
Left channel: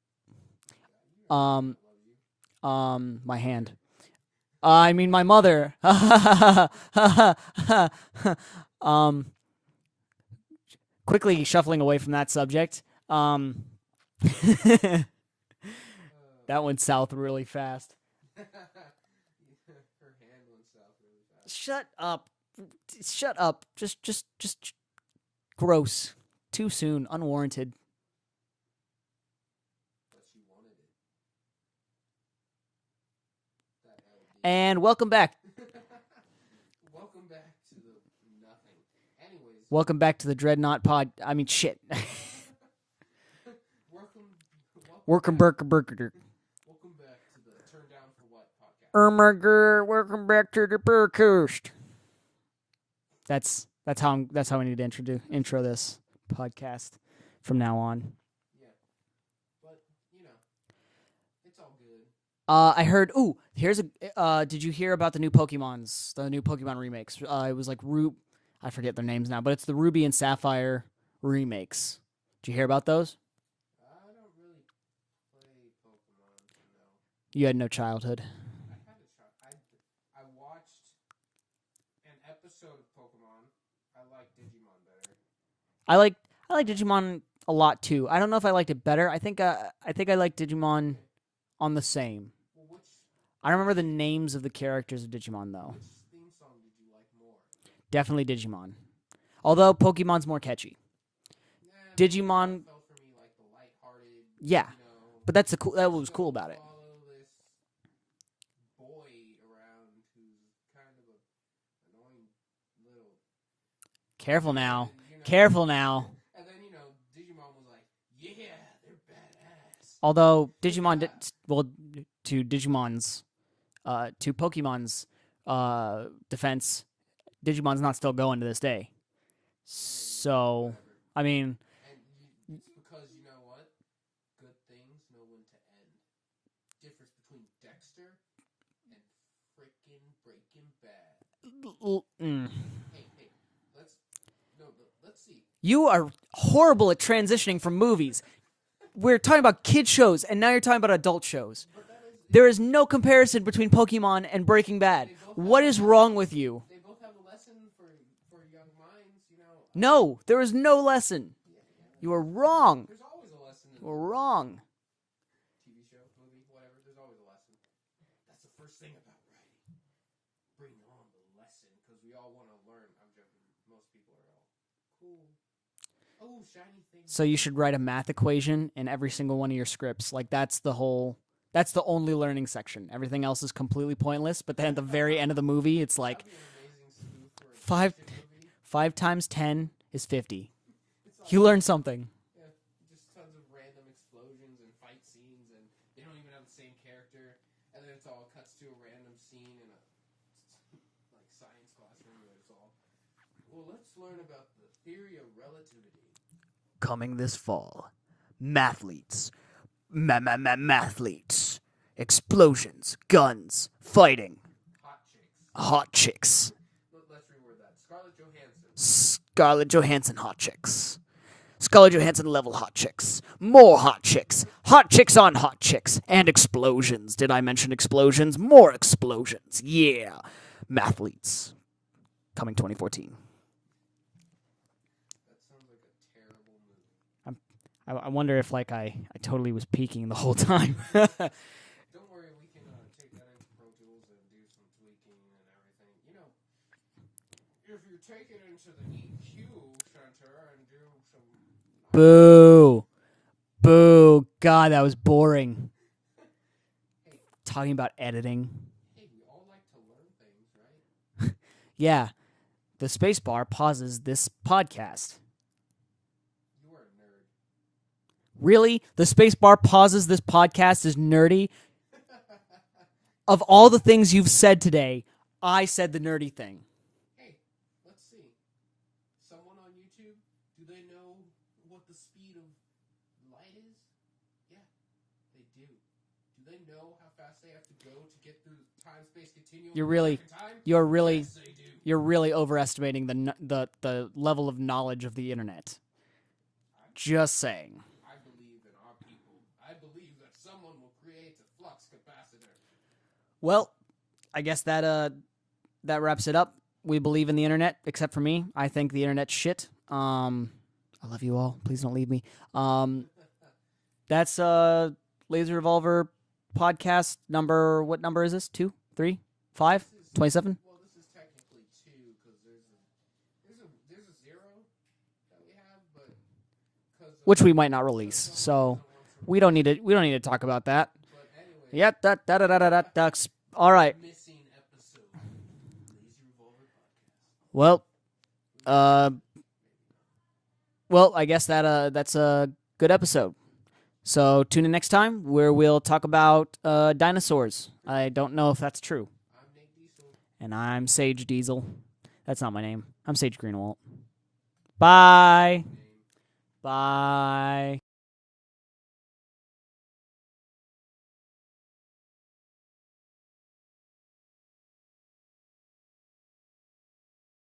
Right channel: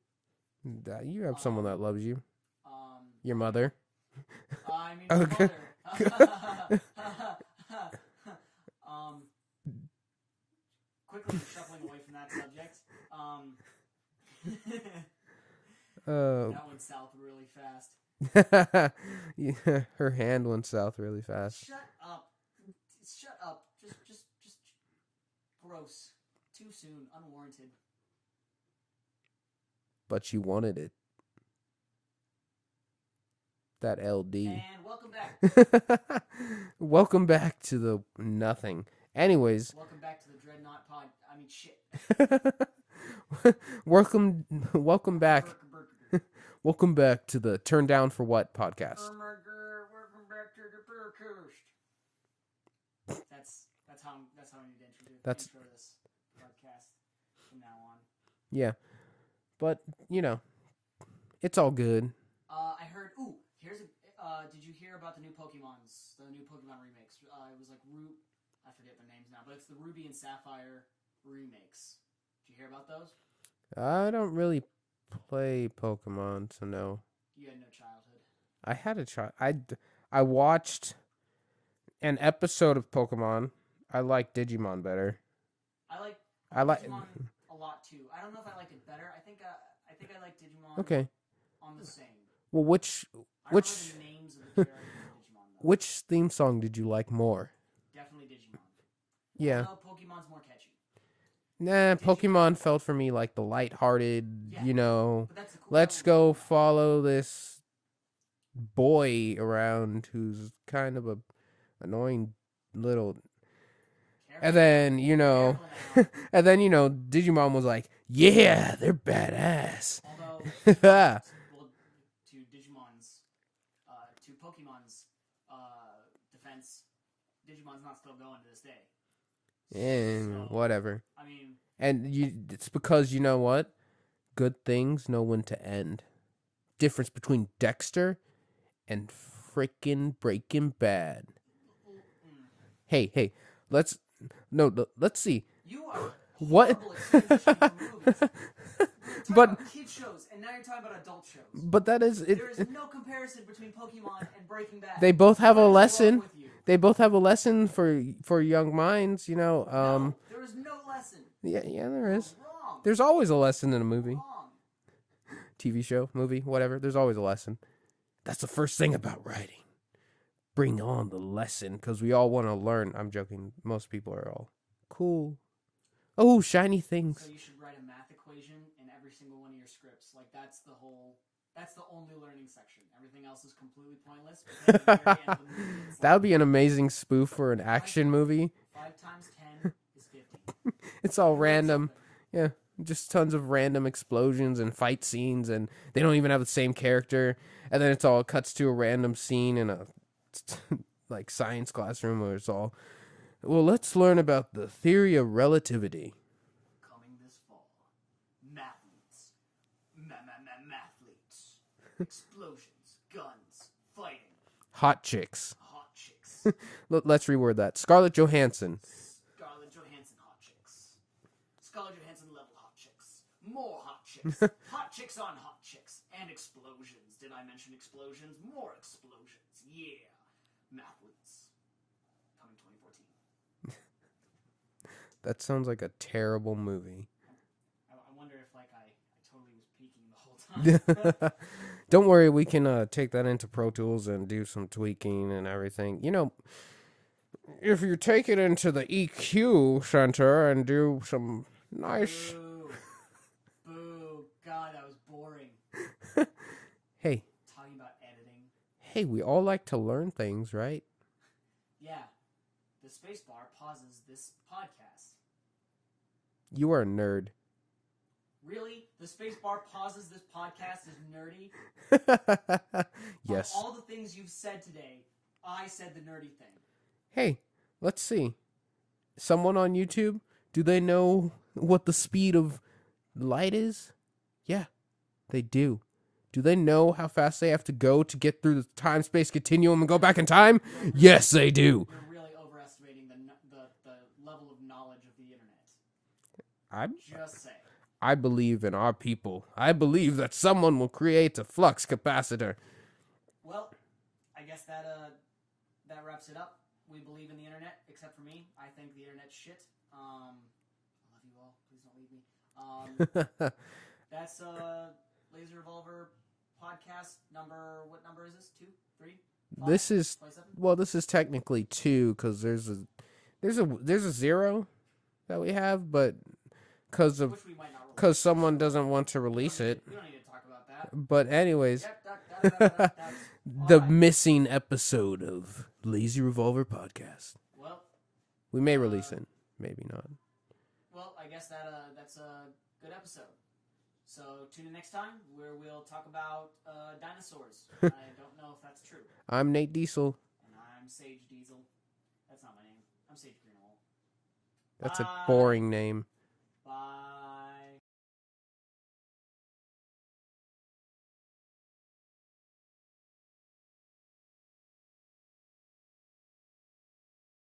You have someone that loves you. My mother. hand. I mean my mother. Quickly shuffling away from that subject. That went south really fast. Yeah, her hand went south really fast. Shut up. Shut up. Just gross. Too soon. Unwarranted. But you wanted it. That LD. And welcome back. Welcome back to the nothing. Anyways. Welcome back to the Dreadnought Pod. I mean, shit. Welcome back. Welcome back to the Turn Down for What podcast. Welcome back to the podcast. That's how we need to intro this podcast from now on. Yeah. But, you know, it's all good. I heard. Ooh, here's a. Did you hear about the new Pokemons? The new Pokemon remakes. It was like I forget their names now, but it's the Ruby and Sapphire remakes. Did you hear about those? I don't really play Pokemon, so no. You had no childhood. I had a child. I watched an episode of Pokemon. I like Digimon better. I like Digimon a lot too. I don't know if I liked it better. I think I like Digimon on the same. Well, I don't remember the names of the characters of Digimon though. Which theme song did you like more? Definitely Digimon. Yeah. Although Pokemon's more catchy. Nah, Pokemon felt for me like the lighthearted, you know. But that's the cool. Let's go follow this boy around who's kind of a annoying little. Careful and now. Then, you know, careful now. And then, you know, Digimon was like, yeah, they're badass. Although Digimon, to Pokemon's defense, Digimon's not still going to this day. So whatever. I mean, and it's because you know what? Good things know when to end. Difference between Dexter and freaking Breaking Bad. Hey, let's see. You are horrible at transitioning from movies. We're talking about kid shows, and now you're talking about adult shows. But there is no comparison between Pokemon and Breaking Bad. They both have what a lesson. What is wrong with you? They both have a lesson for young minds, you know. No, there is no lesson. Yeah, there You're is. wrong. There's always a lesson in a movie. Wrong. TV show, movie, whatever. There's always a lesson. That's the first thing about writing. Bring on the lesson, because we all want to learn. I'm joking. Most people are all cool. Oh, shiny things. So you should write a math equation in every single one of your scripts. Like that's the only learning section. Everything else is completely pointless. But then at the very end of the movie, it's like that would be an amazing spoof for an action movie. 5 times 10 is 50. It's all you random. learn something. Yeah, just tons of random explosions and fight scenes, and they don't even have the same character. And then it's all cuts to a random scene in a like science classroom where it's all. Well, let's learn about the theory of relativity. Coming this fall, mathletes, mathletes, explosions, guns, fighting, hot chicks. Let's reword that. Scarlett Johansson, hot chicks. Scarlett Johansson level hot chicks. More hot chicks. Hot chicks on hot chicks. And explosions. Did I mention explosions? More explosions. Yeah. Mathletes. Coming 2014. That sounds like a terrible movie. I wonder if like I totally was peeking the whole time. Don't worry, we can take that into Pro Tools and do some tweaking and everything. If you take it into the EQ center and do some nice... Boo. Boo. God, that was boring. Hey. Talking about editing. Hey, we all like to learn things, right? Yeah. The spacebar pauses this podcast. You are a nerd. Really? The spacebar pauses this podcast is nerdy? Yes. Of all the things you've said today, I said the nerdy thing. Hey, let's see. Someone on YouTube, do they know what the speed of light is? Yeah, they do. Do they know how fast they have to go to get through the time-space continuum and go back in time? Yes, they do. You're really overestimating the level of knowledge of the internet. I'm just saying. I believe in our people. I believe that someone will create a flux capacitor. Well, I guess that wraps it up. We believe in the internet, except for me. I think the internet's shit. I love you all. Please don't leave me. That's Laser Revolver podcast number. What number is this? 2, 3, 5? This is 27. Well, this is technically 2 because there's a 0 that we have, but which we might not release because someone doesn't want to release. We don't need to talk about that. But anyways, yep. Ducks. All the right. missing episode of Lazy Revolver podcast. Well, we may release it, maybe not. Well, I guess that's a good episode. So tune in next time where we'll talk about dinosaurs. I don't know if that's true. I'm Nate Diesel. And I'm Sage Diesel. That's not my name. I'm Sage Greenwald. That's Bye. a boring name. Bye.